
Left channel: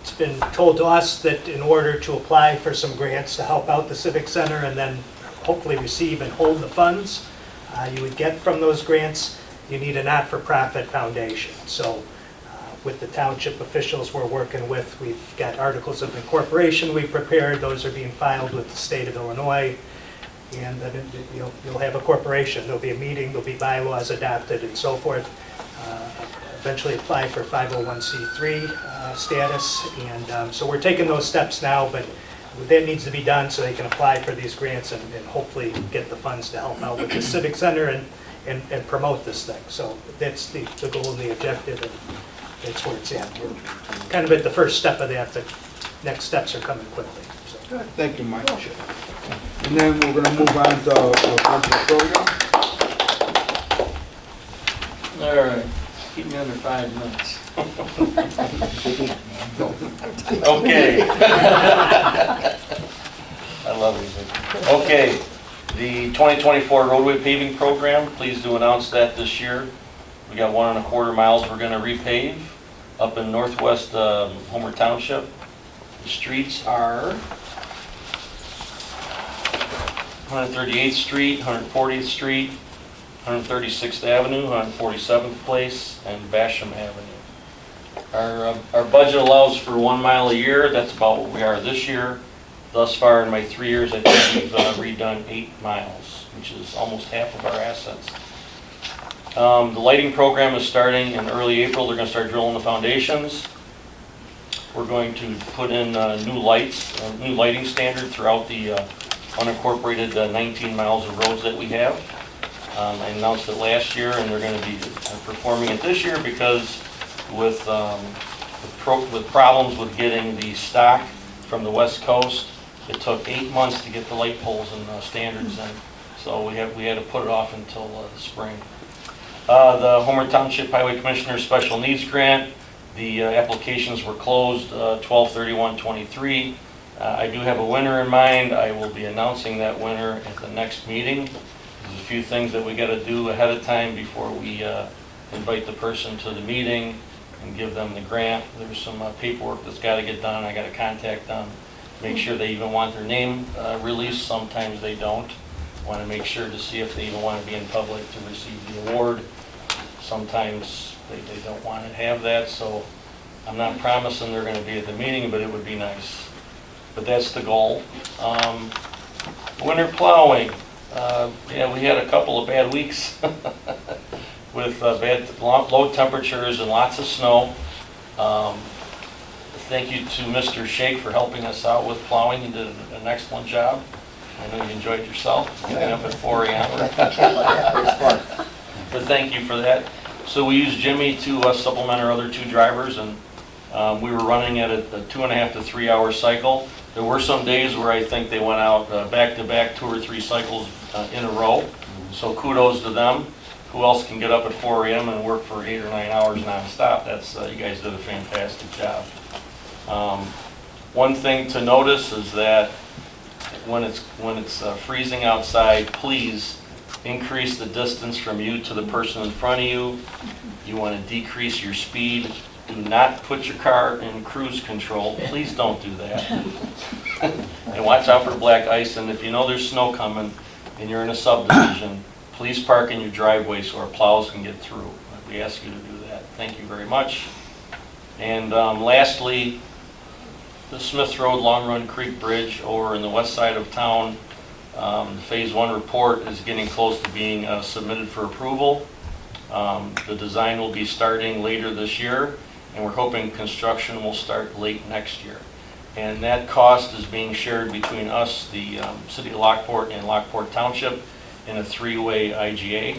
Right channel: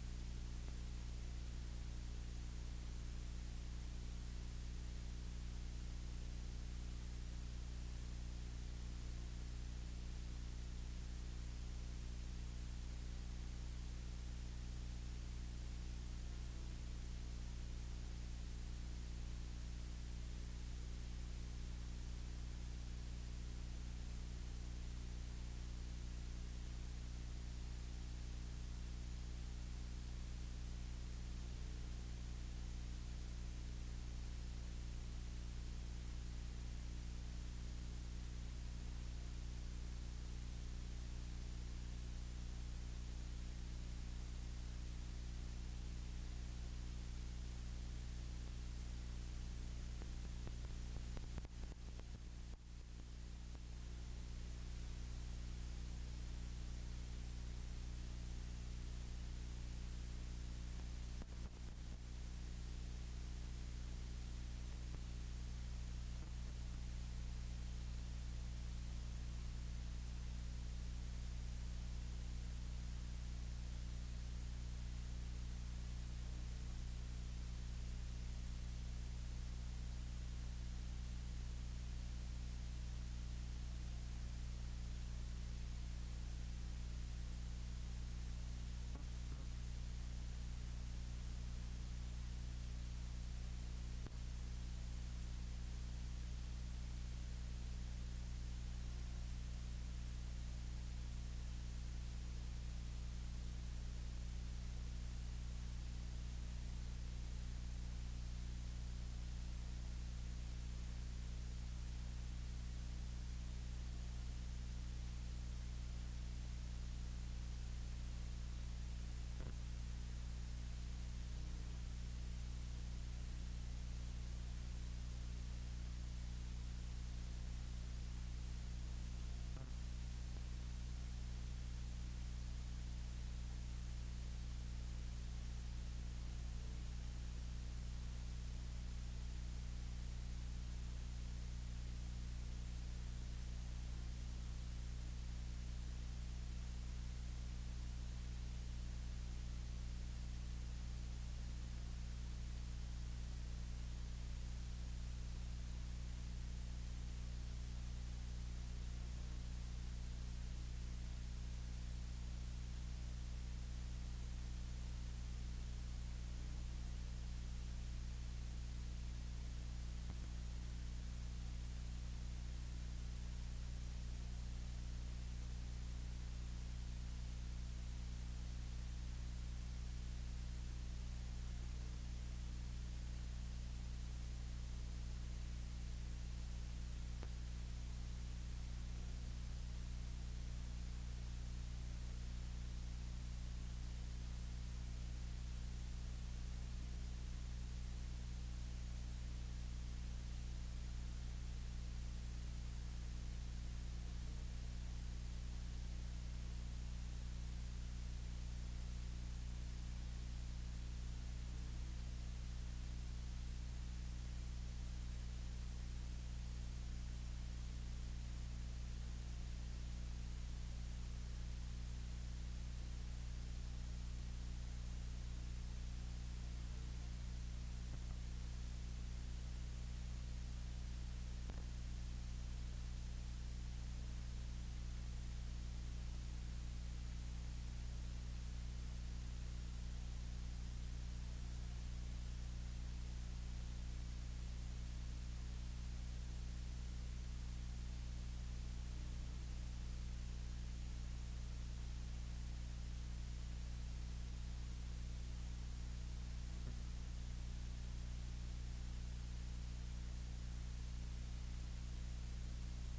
it's been told to us that in order to apply for some grants to help out the Civic Center and then hopefully receive and hold the funds you would get from those grants, you need a not-for-profit foundation. So with the township officials we're working with, we've got articles of incorporation we've prepared. Those are being filed with the state of Illinois. And then you'll have a corporation. There'll be a meeting, there'll be bylaws adopted and so forth. Eventually apply for 501c3 status. And so we're taking those steps now, but that needs to be done so they can apply for these grants and hopefully get the funds to help out with the Civic Center and promote this thing. So that's the goal and the objective, and that's where it's at. We're kind of at the first step of that, but next steps are coming quickly. So. Good. Thank you, Mike. And then we're going to move on to Brent Porfilio. All right, keep me under 5 minutes. Okay. I love music. Okay, the 2024 roadway paving program, pleased to announce that this year. We got 1.25 miles we're going to repave up in northwest Homer Township. The streets are 138th Street, 140th Street, 136th Avenue, 147th Place, and Basham Avenue. Our budget allows for 1 mile a year. That's about what we are this year. Thus far in my 3 years, I think we've redone 8 miles, which is almost half of our assets. The lighting program is starting in early April. They're going to start drilling the foundations. We're going to put in new lights, new lighting standard throughout the unincorporated 19 miles of roads that we have. I announced it last year, and they're going to be performing it this year because with problems with getting the stock from the West Coast, it took 8 months to get the light poles and standards in. So we had to put it off until the spring. The Homer Townsjip Highway Commissioner Special Needs Grant, the applications were closed 12/31/23. I do have a winner in mind. I will be announcing that winner at the next meeting. There's a few things that we got to do ahead of time before we invite the person to the meeting and give them the grant. There's some paperwork that's got to get done. I got to contact them, make sure they even want their name released. Sometimes they don't. Want to make sure to see if they even want to be in public to receive the award. Sometimes they don't want to have that, so I'm not promising they're going to be at the meeting, but it would be nice. But that's the goal. Winter plowing. Yeah, we had a couple of bad weeks with bad low temperatures and lots of snow. Thank you to Mr. Shake for helping us out with plowing. You did an excellent job. I know you enjoyed yourself, getting up at 4 a.m. But thank you for that. So we used Jimmy to supplement our other 2 drivers, and we were running at a 2.5 to 3 hour cycle. There were some days where I think they went out back-to-back 2 or 3 cycles in a row. So kudos to them. Who else can get up at 4 a.m. and work for 8 or 9 hours nonstop? That's you guys did a fantastic job. One thing to notice is that when it's freezing outside, please increase the distance from you to the person in front of you. You want to decrease your speed. Do not put your car in cruise control. Please don't do that. And watch out for black ice. And if you know there's snow coming and you're in a subdivision, please park in your driveway so our plows can get through. We ask you to do that. Thank you very much. And lastly, the Smith Road Long Run Creek Bridge over in the west side of town. The Phase 1 report is getting close to being submitted for approval. The design will be starting later this year, and we're hoping construction will start late next year. And that cost is being shared between us, the City of Lockport, and Lockport Township in a 3-way IGA.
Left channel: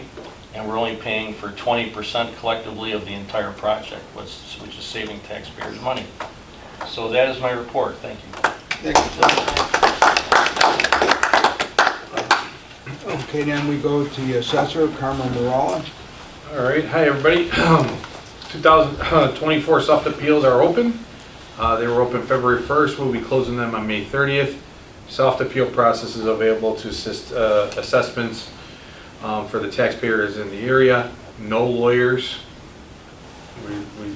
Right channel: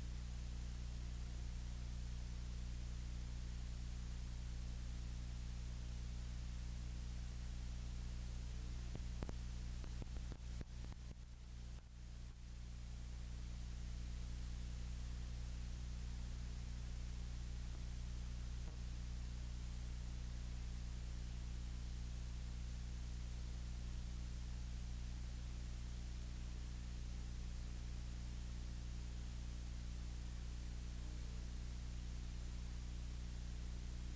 And we're only paying for 20% collectively of the entire project, which is saving taxpayers money. So that is my report. Thank you. Okay, then we go to the assessor, Carmen Morala. All right, hi everybody. 2024 soft appeals are open. They were open February 1st. We'll be closing them on May 30th. Soft appeal process is available to assist assessments for the taxpayers in the area. No lawyers.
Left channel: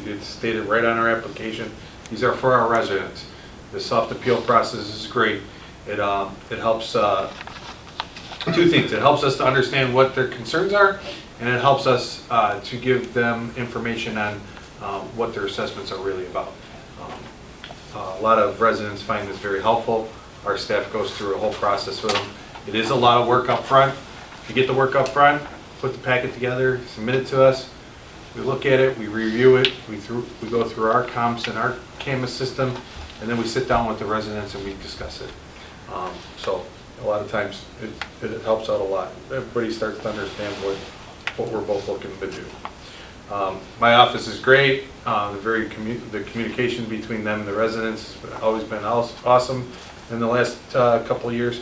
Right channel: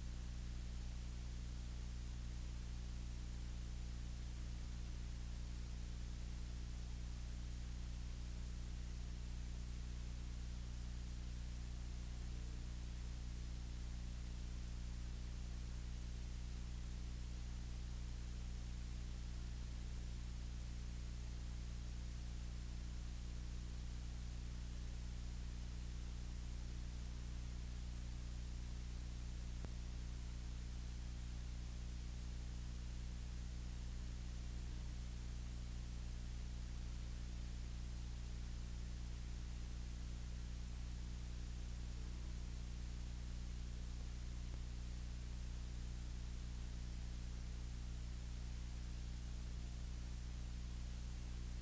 It's stated right on our application. These are for our residents. The soft appeal process is great. It helps, 2 things. It helps us to understand what their concerns are, and it helps us to give them information on what their assessments are really about. A lot of residents find this very helpful. Our staff goes through a whole process with them. It is a lot of work up front. You get the work up front, put the packet together, submit it to us. We look at it, we review it, we go through our comps and our CAMA system, and then we sit down with the residents and we discuss it. So a lot of times it helps out a lot. Everybody starts to understand what we're both looking to do. My office is great. The communication between them and the residents has always been awesome in the last couple of years.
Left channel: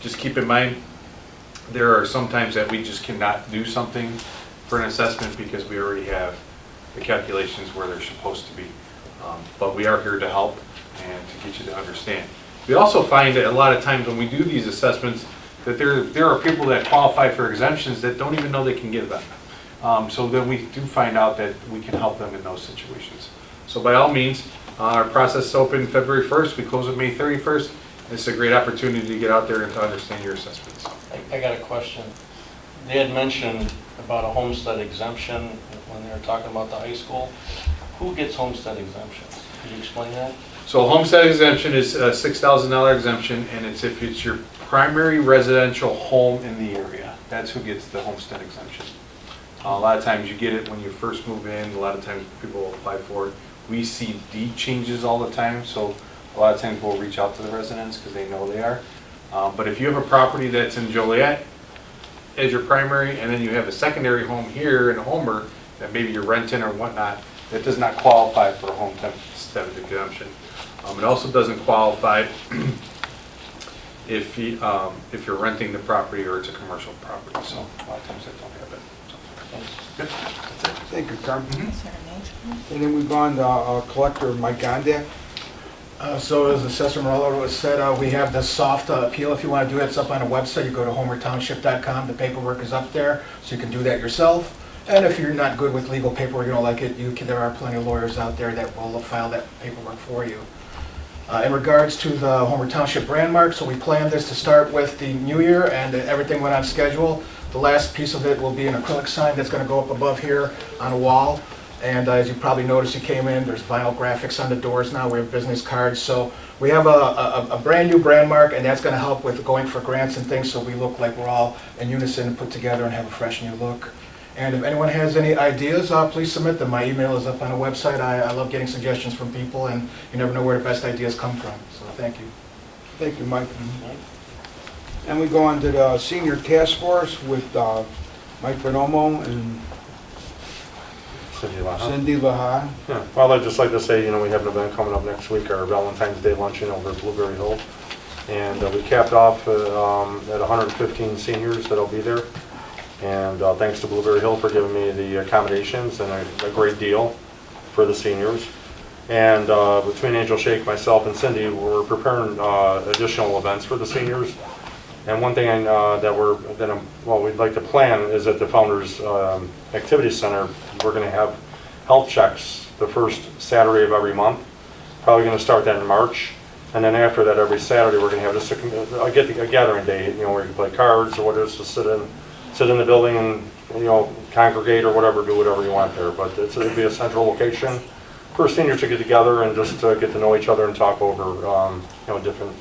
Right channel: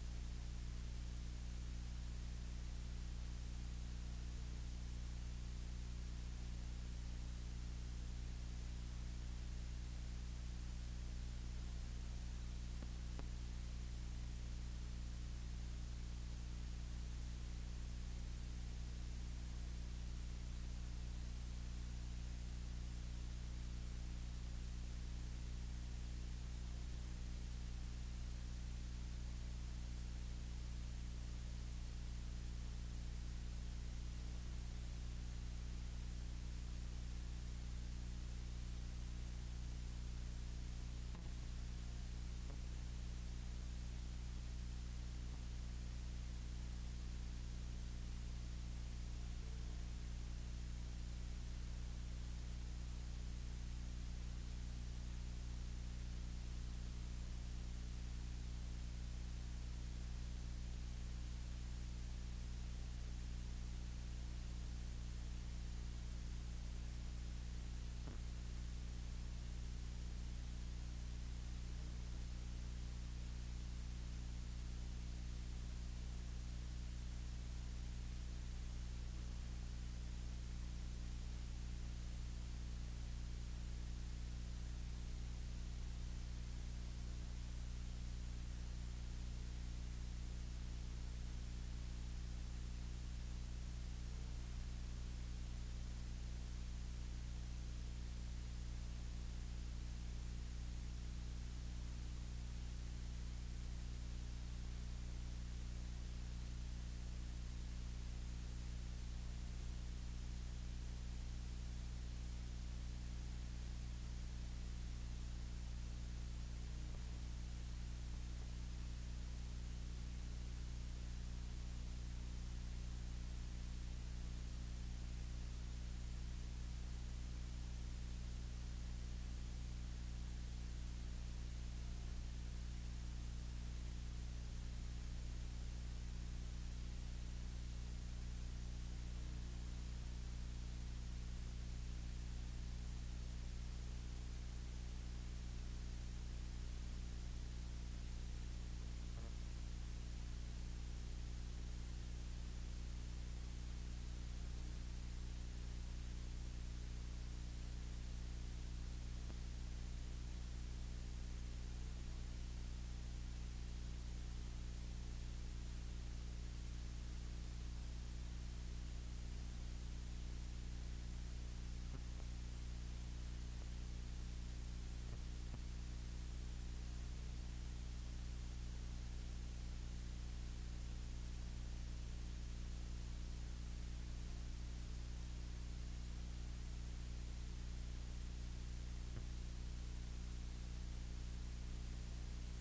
Just keep in mind, there are some times that we just cannot do something for an assessment because we already have the calculations where they're supposed to be. But we are here to help and to get you to understand. We also find that a lot of times when we do these assessments that there are people that qualify for exemptions that don't even know they can get them. So then we do find out that we can help them in those situations. So by all means, our process is open February 1st. We close it May 31st. It's a great opportunity to get out there and to understand your assessments. I got a question. They had mentioned about a homestead exemption when they were talking about the high school. Who gets homestead exemptions? Could you explain that? So homestead exemption is a $6,000 exemption, and it's if it's your primary residential home in the area. That's who gets the homestead exemption. A lot of times you get it when you first move in. A lot of times people apply for it. We see deed changes all the time, so a lot of times we'll reach out to the residents because they know they are. But if you have a property that's in Joliet as your primary, and then you have a secondary home here in Homer that maybe you're renting or whatnot, that does not qualify for a homestead exemption. It also doesn't qualify if you're renting the property or it's a commercial property. So a lot of times they don't have it. So, good. That's it. Thank you, Carmen. And then we've gone to Collector Mike Gondak. So as Assessor Morello said, we have the soft appeal. If you want to do that, it's up on the website. You go to homertownsjip.com. The paperwork is up there, so you can do that yourself. And if you're not good with legal paperwork, you don't like it, there are plenty of lawyers out there that will file that paperwork for you. In regards to the Homer Township brand mark, so we planned this to start with the new year, and everything went on schedule. The last piece of it will be an acrylic sign that's going to go up above here on a wall. And as you probably noticed, you came in, there's vinyl graphics on the doors now, we have business cards. So we have a brand new brand mark, and that's going to help with going for grants and things, so we look like we're all in unison and put together and have a fresh new look. And if anyone has any ideas, please submit them. My email is up on the website. I love getting suggestions from people, and you never know where the best ideas come from. So thank you. Thank you, Mike. And we go on to the senior task force with Mike Bonomo and Cindy Laha. Yeah, well, I'd just like to say, we have an event coming up next week, our Valentine's Day luncheon over at Blueberry Hill. And we capped off at 115 seniors that'll be there. And thanks to Blueberry Hill for giving me the accommodations and a great deal for the seniors. And between Angel Shake, myself, and Cindy, we're preparing additional events for the seniors. And one thing we'd like to plan is at the Founders Activity Center, we're going to have health checks the first Saturday of every month. Probably going to start that in March. And then after that, every Saturday, we're going to have just a gathering day, where you can play cards or whatever, to sit in the building and, congregate or whatever, do whatever you want there. But it'll be a central location for seniors to get together and just get to know each other and talk over, different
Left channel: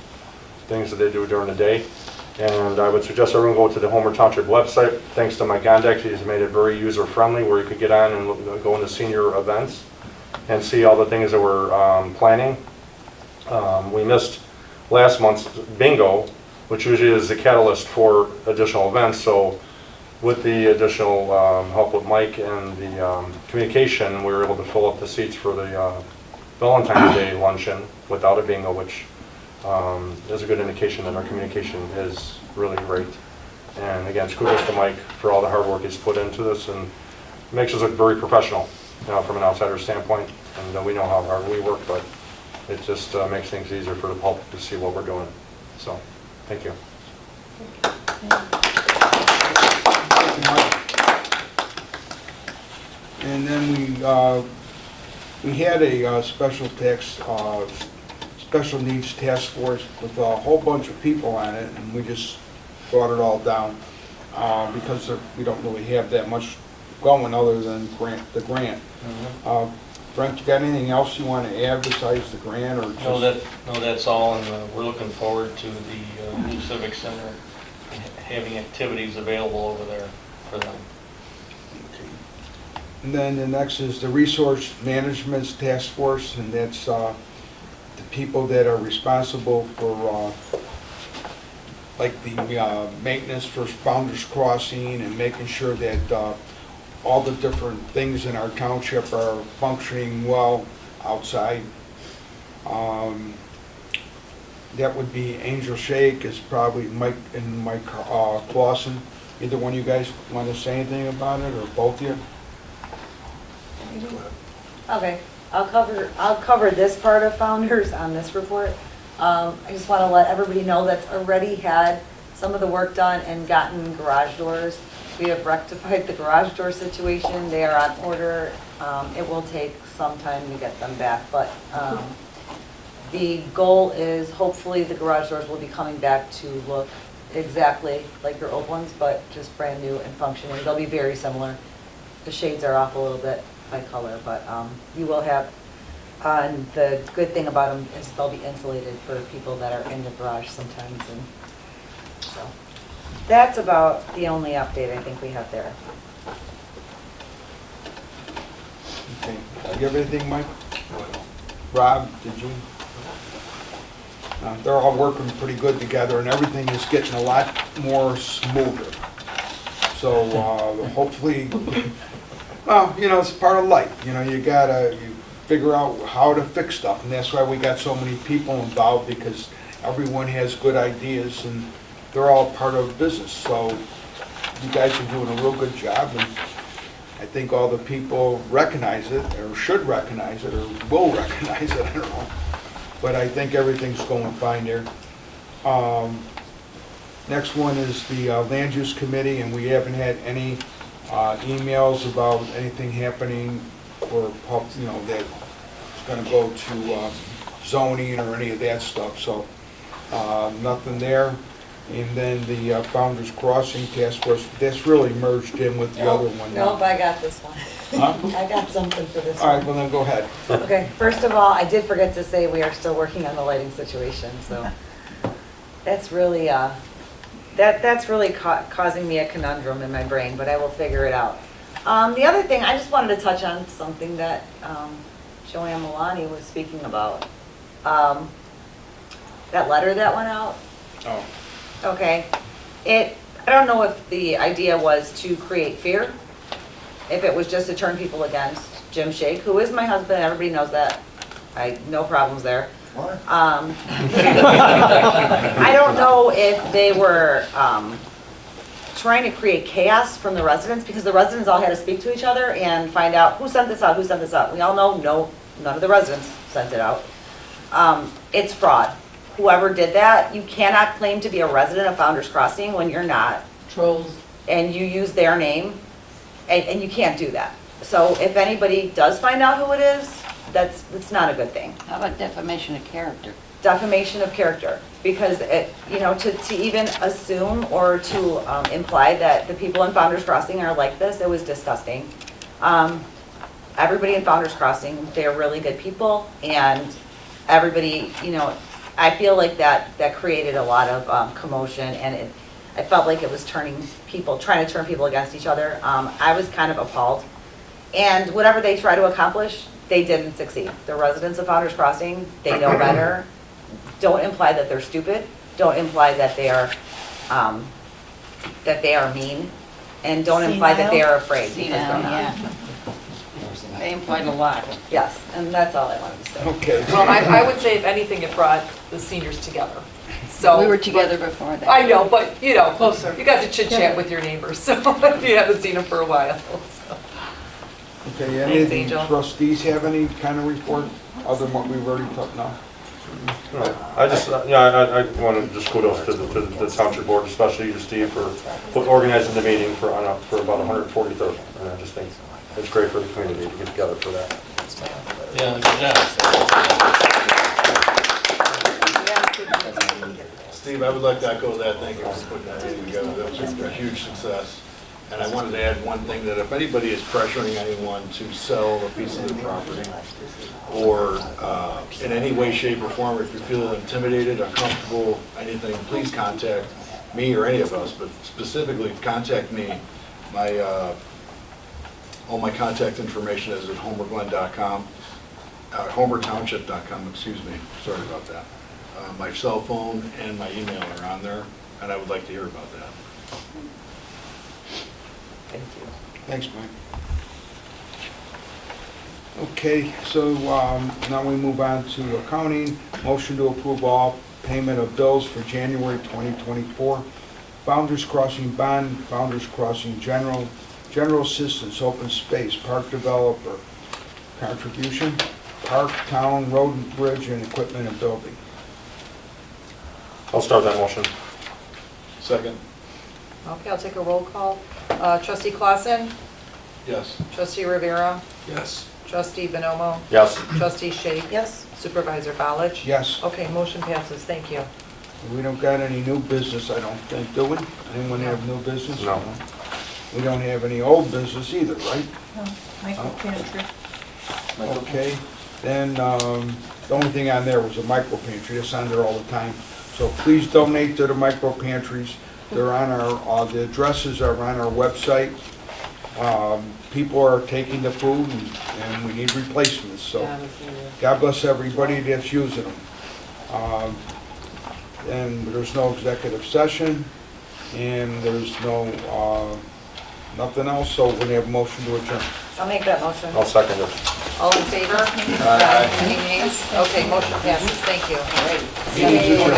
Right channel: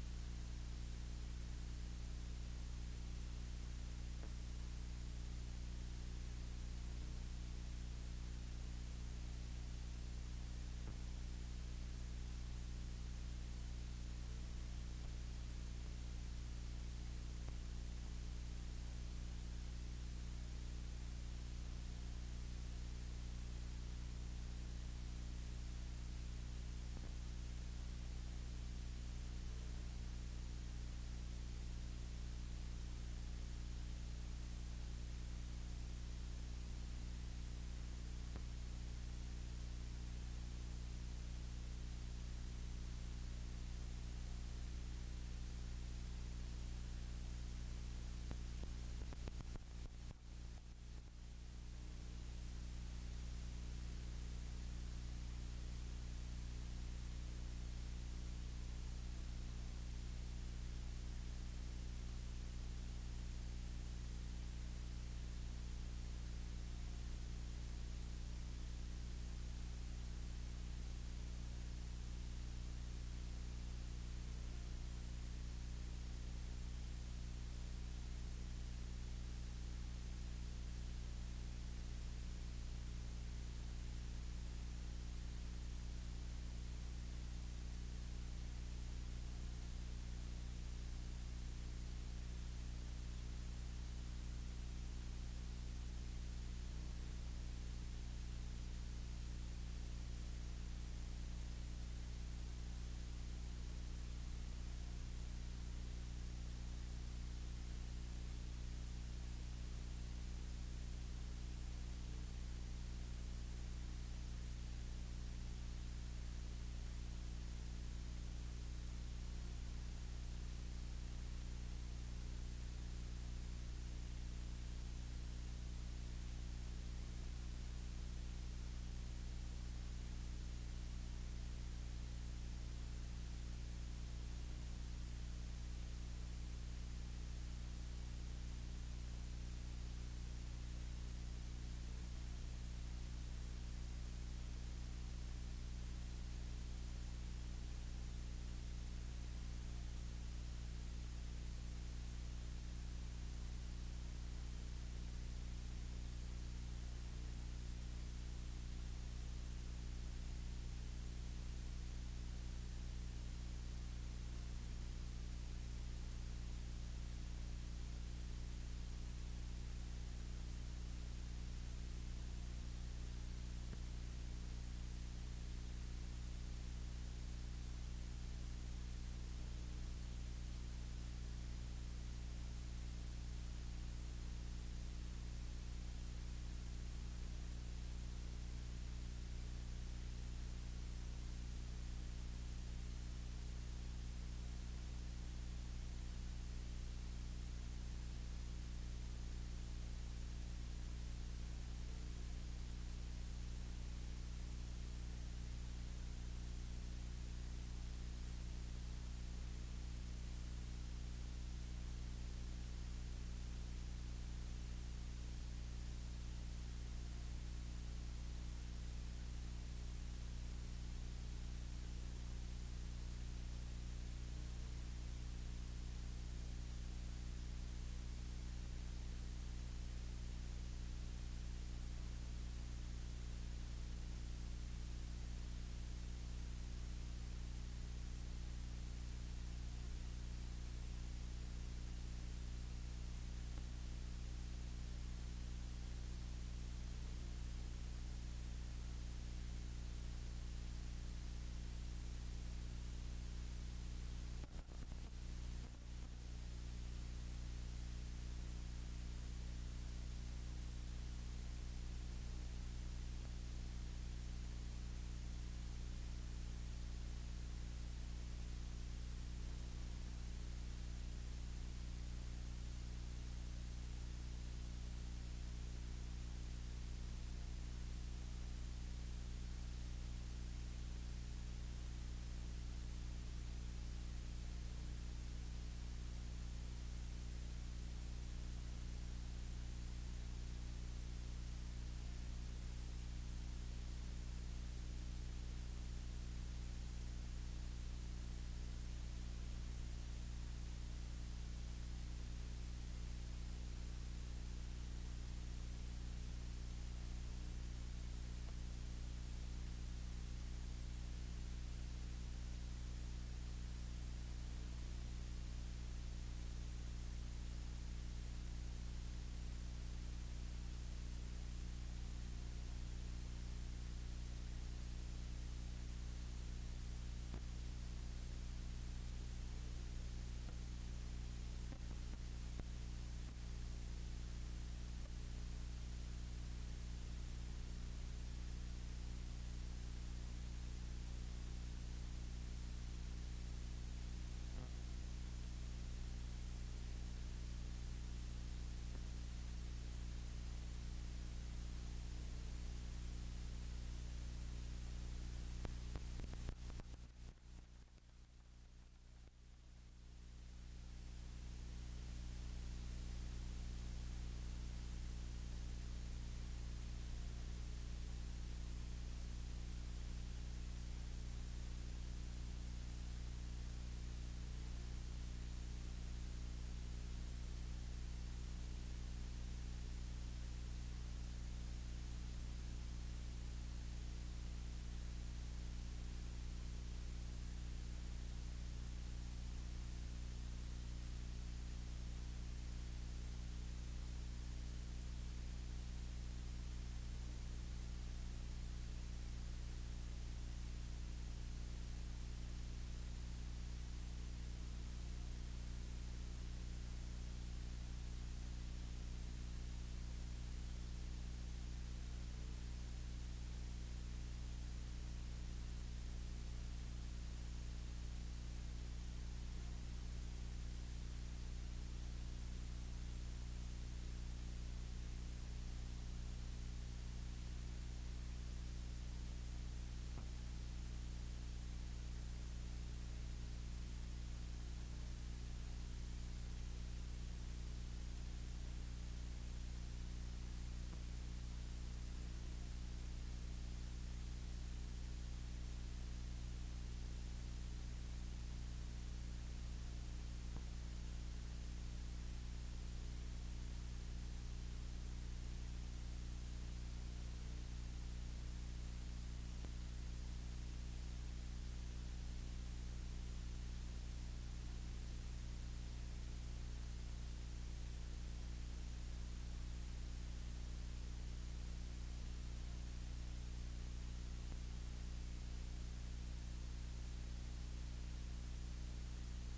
things that they do during the day. And I would suggest everyone go to the Homer Townsjip website. Thanks to Mike Gondek, he's made it very user-friendly, where you could get on and go into senior events and see all the things that we're planning. We missed last month's bingo, which usually is the catalyst for additional events. So with the additional help with Mike and the communication, we were able to fill up the seats for the Valentine's Day luncheon without a bingo, which is a good indication that our communication is really great. And again, kudos to Mike for all the hard work he's put into this, and makes us look very professional, from an outsider standpoint. And we know how hard we work, but it just makes things easier for the public to see what we're doing. So, thank you. And then we had a special needs task force with a whole bunch of people on it, and we just brought it all down because we don't really have that much going other than the grant. Frank, you got anything else you want to add besides the grant, or just? No, that's all, and we're looking forward to the new Civic Center having activities available over there for them. And then the next is the Resource Management Task Force, and that's the people that are responsible for like the maintenance for Founders Crossing and making sure that all the different things in our township are functioning well outside. That would be Angel Shake, is probably Mike and Mike Clausen. Either one of you guys want to say anything about it, or both of you? Okay, I'll cover this part of Founders on this report. I just want to let everybody know that's already had some of the work done and gotten garage doors. We have rectified the garage door situation. They are on order. It will take some time to get them back, but the goal is hopefully the garage doors will be coming back to look exactly like your old ones, but just brand new and functioning. They'll be very similar. The shades are off a little bit by color, but you will have, and the good thing about them is they'll be insulated for people that are in the garage sometimes. And so that's about the only update I think we have there. Okay. You have anything, Mike? Rob, did you? They're all working pretty good together, and everything is getting a lot more smoother. So hopefully, well, it's part of life. You figure out how to fix stuff, and that's why we got so many people involved, because everyone has good ideas, and they're all part of business. So you guys are doing a real good job, and I think all the people recognize it, or should recognize it, or will recognize it, I don't know. But I think everything's going fine there. Next one is the Land Use Committee, and we haven't had any emails about anything happening, or that's going to go to zoning or any of that stuff, so nothing there. And then the Founder's Crossing Task Force, that's really merged in with the other one now. Nope, I got this one. Huh? I got something for this All right, one. well then go ahead. Okay, first of all, I did forget to say we are still working on the lighting situation, so that's really, that's really causing me a conundrum in my brain, but I will figure it out. The other thing, I just wanted to touch on something that Joanne Milani was speaking about. That letter that went out. Oh. Okay. I don't know if the idea was to create fear, if it was just to turn people against Jim Shake, who is my husband, everybody knows that. No problems there. What? I don't know if they were trying to create chaos from the residents, because the residents all had to speak to each other and find out who sent this out, who sent this out. We all know none of the residents sent it out. It's fraud. Whoever did that, you cannot claim to be a resident of Founder's Crossing when you're not. Trolls. And you use their name, and you can't do that. So if anybody does find out who it is, that's not a good thing. How about defamation of character? Defamation of character, because to even assume or to imply that the people in Founder's Crossing are like this, it was disgusting. Everybody in Founder's Crossing, they're really good people, and everybody, I feel like that created a lot of commotion, and I felt like it was trying to turn people against each other. I was kind of appalled. And whatever they try to accomplish, they didn't succeed. The residents of Founder's Crossing, they know better. Don't imply that they're stupid. Don't imply that they are mean. And don't imply that they are afraid, because they're not. Yeah. They implied a lot. Yes, and that's all I wanted to say. Okay. Well, I would say if anything, it brought the seniors together. So We were together before that. I know, but closer. You got to chit chat with your neighbors, so if you haven't seen them for a while. So. Okay, Thanks, any of the Angel. trustees have any kind of report other than what we've already talked now? No, I want to just kudos to the township board, especially to Steve for organizing the meeting for about 143rd. And I just think it's great for the community to get together for that. Yeah, good job. Steve, I would like to echo that. Thank you for putting that meeting together. That was a huge success. And I wanted to add one thing, that if anybody is pressuring anyone to sell a piece of their property, or in any way, shape, or form, if you feel intimidated, uncomfortable, anything, please contact me or any of us, but specifically contact me. All my contact information is at homerglen.com, homertownsjip.com, excuse me, sorry about that. My cell phone and my email are on there, and I would like to hear about that. Thank you. Thanks, Mike. Okay, so now we move on to accounting. Motion to approve all payment of bills for January 2024. Founder's Crossing Bond, Founder's Crossing General Assistance, Open Space, Park Developer, Contribution, Park, Town, Road and Bridge, and Equipment and Building. I'll start that motion. Second. Okay, I'll take a roll call. Trustee Clausen? Yes. Trustee Rivera? Yes. Trustee Bonomo? Yes. Trustee Shake? Yes. Supervisor Ballich? Yes. Okay, motion passes. Thank you. We don't got any new business, I don't think, do we? Anyone have new business? No. We don't have any old business either, right? Michael Pantry. Okay, then the only thing on there was a micro pantry. It's on there all the time. So please donate to the micro pantries. They're on our, the addresses are on our website. People are taking the food and we need replacements. So God bless everybody that's using them. And there's no executive session and there's no, nothing else. So we're gonna have a motion to adjourn. I'll make that motion. I'll second it. All in favor? Aye. Any nays? Okay, motion passes. Thank you. Meeting's adjourned.